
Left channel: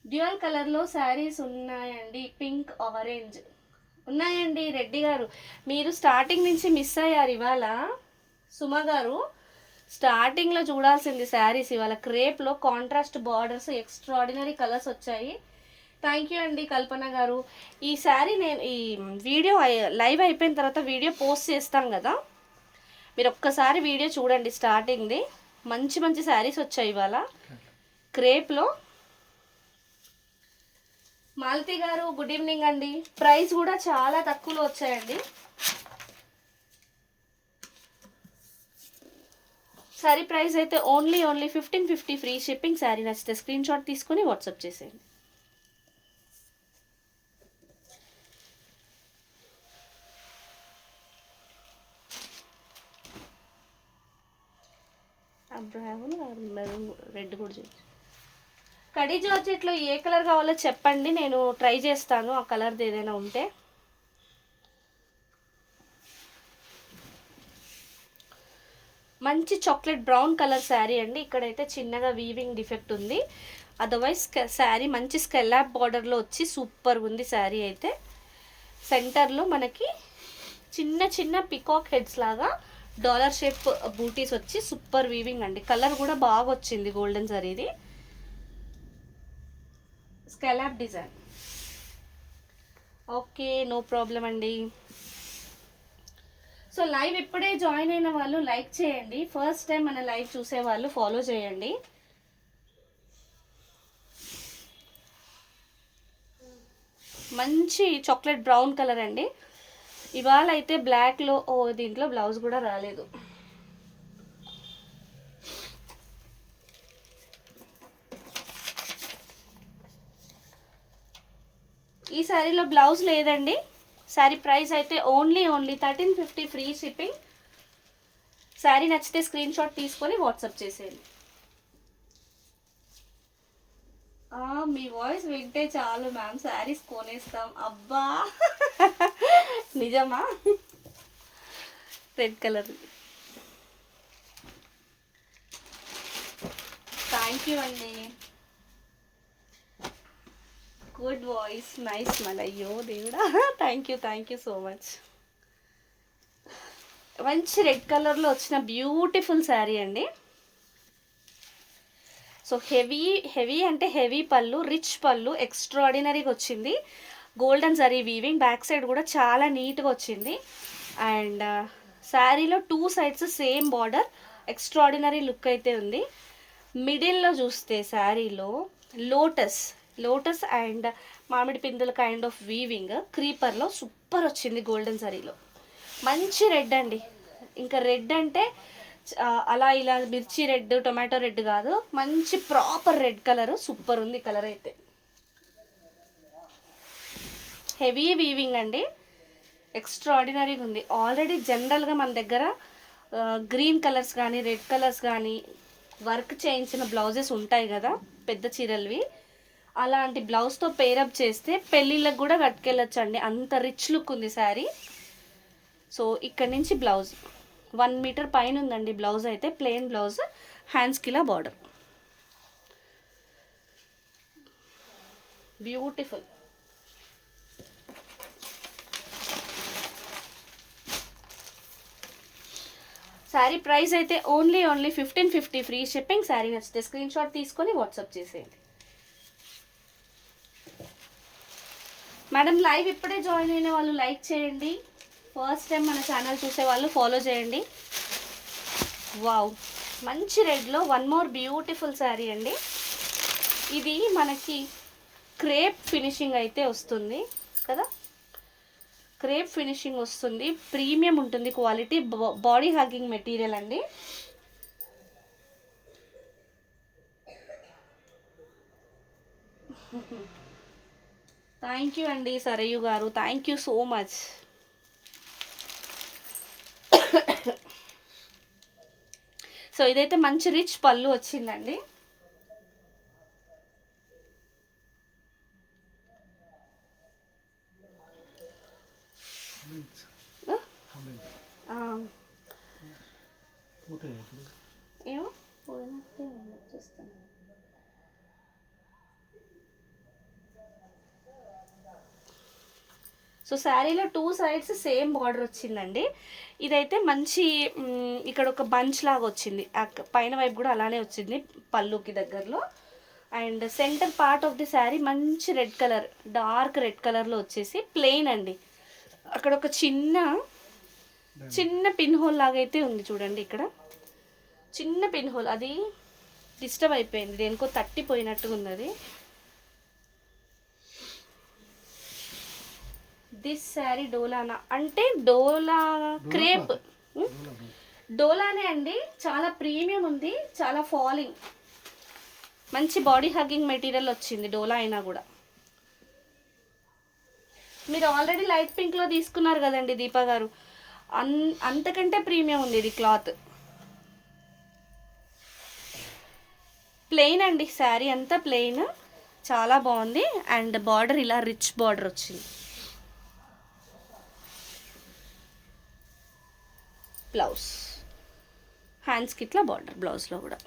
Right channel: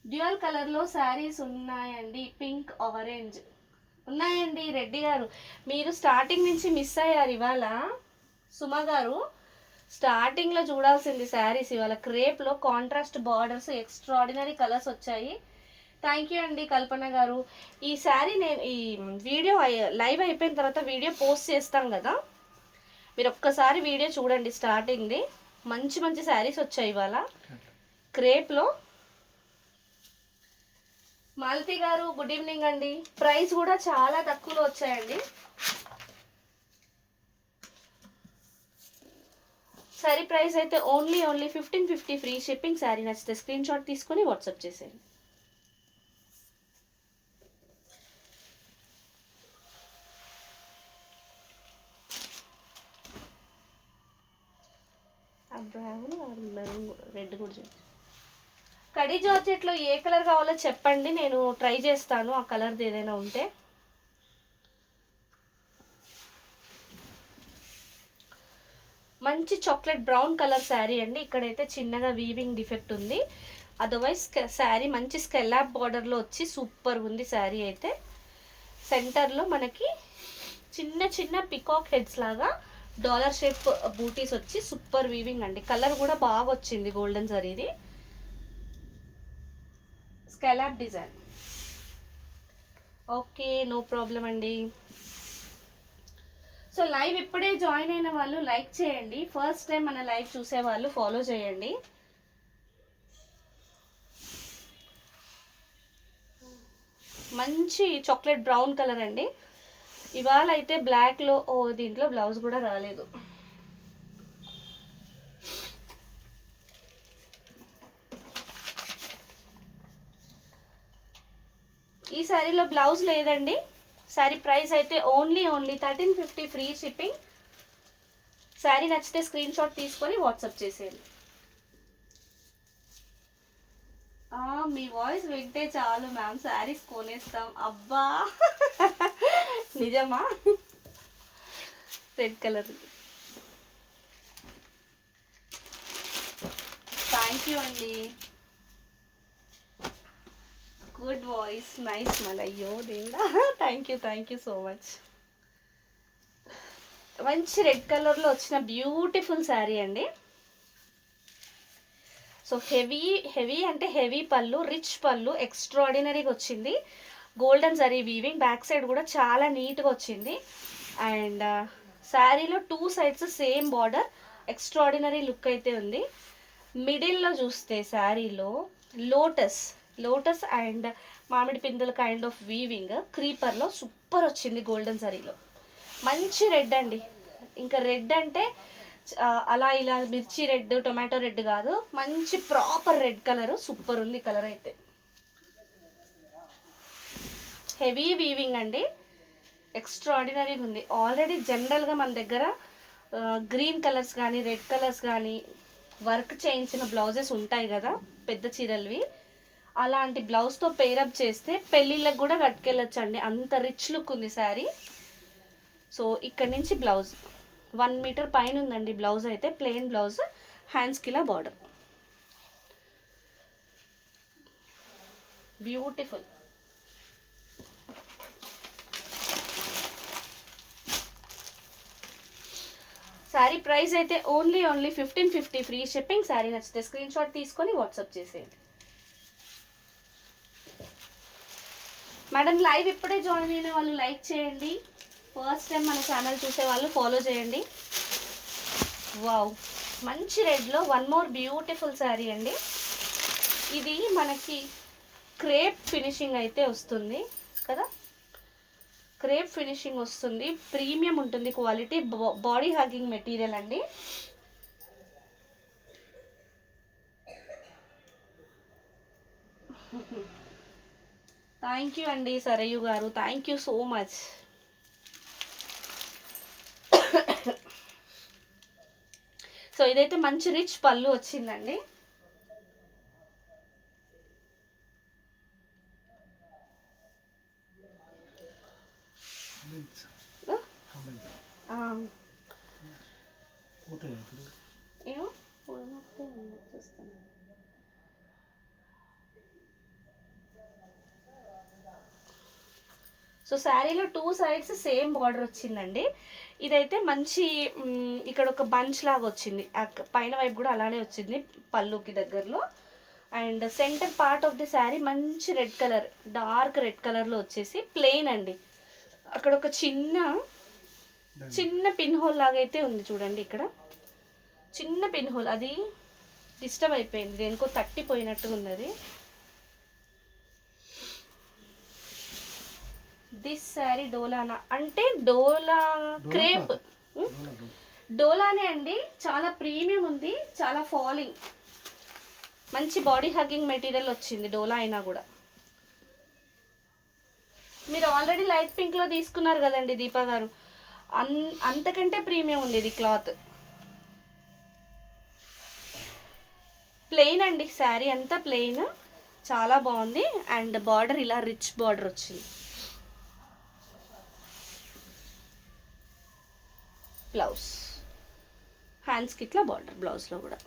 డ్యూయల్ కలర్లో శారీస్ ఉన్నాయండి, పింక్ ఆరెంజ్ ఉన్నాయండి. రెడ్డి గారు మీరు స్టార్టింగ్ నుంచి మిస్ అయ్యారు ఇవాళ. సుమ గారు స్టార్టింగ్లో చూడాల్సింది శారీస్, ఇవాళ క్రేప్లో కాంట్రాస్ట్ బార్డర్స్ ఎక్స్ట్రాడినరీ కలర్స్ వచ్చాయి. థ్యాంక్ యూ అండి కల్పన గారు. ఈ శారీ నేను ఈ వీడియో లైవ్ అయిపోయిన తర్వాత వీడియో పోస్ట్ చేస్తాం కదా, మీరు ఒక్కసారి వీడియో చూడండి స్టార్టింగ్ది. మంచి మంచి శారీస్ వచ్చాయి ఇవాళ క్రేప్లో. మాలతి గారు గుడ్ ఈవినింగ్ అండి. ప్రైస్ కూడా చాలా తక్కువలో వచ్చాయండి. శారీ ప్రైస్ అయితే ఓన్లీ 1550 ఫ్రీ షిప్పింగ్. శారీ నచ్చితే స్క్రీన్ షాట్ తీసుకుని వాట్సాప్ చేసేయండి. రెడ్ కూడా చూడండి. కడీ జార్జెట్లో ఏ కలర్ కావాలో చెప్పండి, నేను ట్రై చేస్తాను ఆ కలర్ది ఏదైనా ఉంటే. మంచి చాక్లెట్ బ్రౌన్ కలర్ శారీ అండి. ఇక్కడైతే చిన్నగా వీవింగ్ డిఫెక్ట్ ఉంది, అదర్వైజ్ శారీ మంచి స్కెల్లాప్ బార్డర్లో వచ్చి సూపర్ ఉంది శారీ అయితే. సెంటర్లో మనకి చిన్న చిన్న పికాక్ హెడ్స్ లాగా డాలర్ షేప్ బూటీస్ వచ్చి సూపర్ వీవింగ్ అండి. కలర్ కూడా బాగా వచ్చింది గోల్డెన్ జరీది, scallop design. Okay no problem అండి. సో లైవ్ ఇప్పుడే జాయిన్ అయిన వాళ్ళు లైక్ చేయండి, ఫస్ట్ టైం మన లైవ్ చూసే వాళ్ళు ఫాలో చేయండి. మంచి చాక్లెట్ బ్రౌన్ కలర్ అండి. ఇవాళ అయితే బ్లాక్లో దీంట్లో బ్లౌజ్ కూడా రాలేదు. ఈ శారీలో బ్లౌజ్ లేదండి. శారీ ప్రైస్ అయితే ఓన్లీ 1350 ఫ్రీ షిప్పింగ్. శారీ నచ్చితే స్క్రీన్ షాట్ తీసుకొని వాట్సాప్ చేసేయండి. మీ వాయిస్ వింటే చాలు మ్యామ్ శారీస్ కొనేస్తాం. అబ్బా నిజమా? Red colour. థ్యాంక్ యూ అండి, గుడ్ వాయిస్, నైస్ మన. అయ్యో దేవుడా, థ్యాంక్ యూ సో మచ్. మంచి రెడ్ కలర్లో వచ్చిన బ్యూటిఫుల్ శారీ అండి. సో హెవీ అంటే హెవీ పళ్ళు, రిచ్ పళ్ళు ఎక్స్ట్రాడినరీగా వచ్చింది. Golden zari weaving, back side కూడా చాలా నీట్గా వచ్చింది. అండ్ శారీలో 2 sides same border, extraordinary look అయితే ఉంది. మిడిల్లో చూస్తే శారీలో లోటస్ అండ్ మామిడి పిందుల కైండ్ ఆఫ్ వీవింగ్ క్రీపర్లో సూపర్ వచ్చింది గోల్డెన్ జరీలో. మంచి రెడ్ అండి, ఇంకా రెడ్ అంటే అలా ఇలా మిర్చి రెడ్ టొమాటో రెడ్ కాదు, మంచి ప్రాపర్ రెడ్ కలర్, సూపర్ ఉంది కలర్ అయితే. హెవీ వీవింగ్ అండి, ఎక్స్ట్రాడినరీగా ఉంది. ఆల్రెడీ జనరల్గా మన దగ్గర గ్రీన్ కలర్స్ కానీ రెడ్ కలర్స్ కానీ వర్క్ చేయించిన బ్లౌజెస్ ఉంటాయి కదా పెద్ద చీరలవి, అలాంటి బ్లౌజ్తో పేరప్ చేస్తే పెళ్ళిళ్ళకి కూడా కట్టుకెళ్ళొచ్చండి, అంత రిచ్ లుక్ ఉంది శారీ. సో ఇక్కడ నుంచి బ్లౌజ్ 1 మీటర్ పైన ఉందండి బ్లౌజ్ అయితే, ప్లెయిన్ బ్లౌజ్, హ్యాండ్స్కి ఇలా బార్డర్. బ్యూటిఫుల్. శారీ ప్రైస్ అయితే ఓన్లీ 1550 ఫ్రీ షిప్పింగ్. శారీ నచ్చితే స్క్రీన్ షాట్ తీసుకొని వాట్సాప్ చేసేయండి. మేడం లైవ్ ఇప్పుడే జాయిన్ అయిన వాళ్ళు లైక్ చేయండి. ఫస్ట్ టైం మన ఛానల్ చూసే వాళ్ళు ఫాలో చేయండి. వావ్, మంచి రెడ్లో వన్ మోర్ బ్యూటిఫుల్ శారీ అండి. ఇది మనకి క్రేప్ ఫినిషింగ్ అయితే వస్తుంది కదా, క్రేప్ ఫినిషింగ్ వస్తుంది. ప్రీమియం ఉంటుంది క్వాలిటీ. బాడీ హగ్గింగ్ మెటీరియల్ అండి. థ్యాంక్ యూ అండి సరయు గారు, thank you so much. So ఇదైతే మంచి రిచ్ పళ్ళు వచ్చిందండి. ఏమో చూస్తాను. సో శారీలో 2 సైడ్స్ సేమ్ బార్డర్ వచ్చిందండి. ఇదైతే మంచి ఇక్కడ ఒక బంచ్ లాగా వచ్చింది, పైన వైపు కూడా అలానే వచ్చింది పళ్ళుకి దగ్గరలో. And centre part of the sari మంచి రెడ్ కలర్, డార్క్ రెడ్ కలర్లో వచ్చేసి ప్లెయిన్ అండి. అక్కడ ఒక చిన్న పిన్ హోల్ లాగా అయితే ఉంది చూడండి, ఇక్కడ చిన్న పిన్ హోల్. అది డిస్టర్బ్ అయిపోయింది, దేనికో తట్టిపోయినట్టుగా ఉంది అది. దిస్ శారీ డోలానా అంటే డోలా క్రేప్, డోలానే అండి. చాలా ప్రీమియం ఉంది, చాలా ఫాలింగ్, మంచి బాడీ హగ్గింగ్ మెటీరియల్ వచ్చింది డోలా అయినా కూడా. మీరు ఆల్రెడీ లైట్ పింక్లో తీసుకున్నారు కదండి దీపా గారు, అంతకంటే ప్రీమియం ఉంది ఇది క్లాత్. ప్లెయిన్ అండి, శారీ అంతా ప్లెయిన్, చాలా బాగుంది. అండ్ బార్డర్ ఇలా రిచ్ బార్డర్ వచ్చింది. బ్లౌజ్ హ్యాండ్స్కి ఇట్లా బార్డర్, బ్లౌజ్లో కూడా.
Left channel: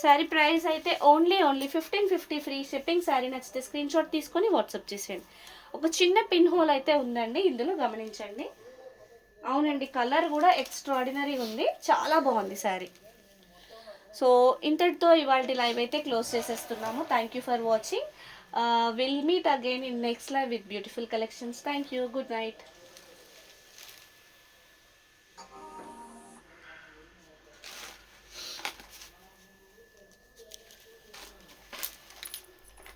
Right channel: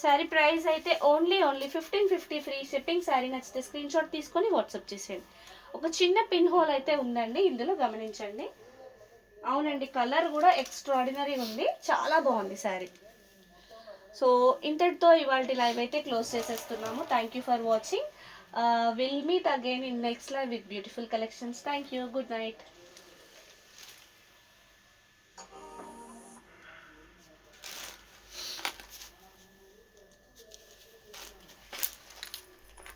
శారీ ప్రైస్ అయితే ఓన్లీ 1550 ఫ్రీ షిప్పింగ్. శారీ నచ్చితే స్క్రీన్ షాట్ తీసుకొని వాట్సాప్ చేసేయండి. ఒక చిన్న పిన్ హోల్ అయితే ఉందండి ఇందులో, గమనించండి. అవునండి, కలర్ కూడా ఎక్స్ట్రాడినరీ ఉంది, చాలా బాగుంది శారీ. సో ఇంతటితో ఇవాళ లైవ్ అయితే క్లోజ్ చేసేస్తున్నాము. Thank you for watching. Will meet again in next live with beautiful collections. Thank you, good night.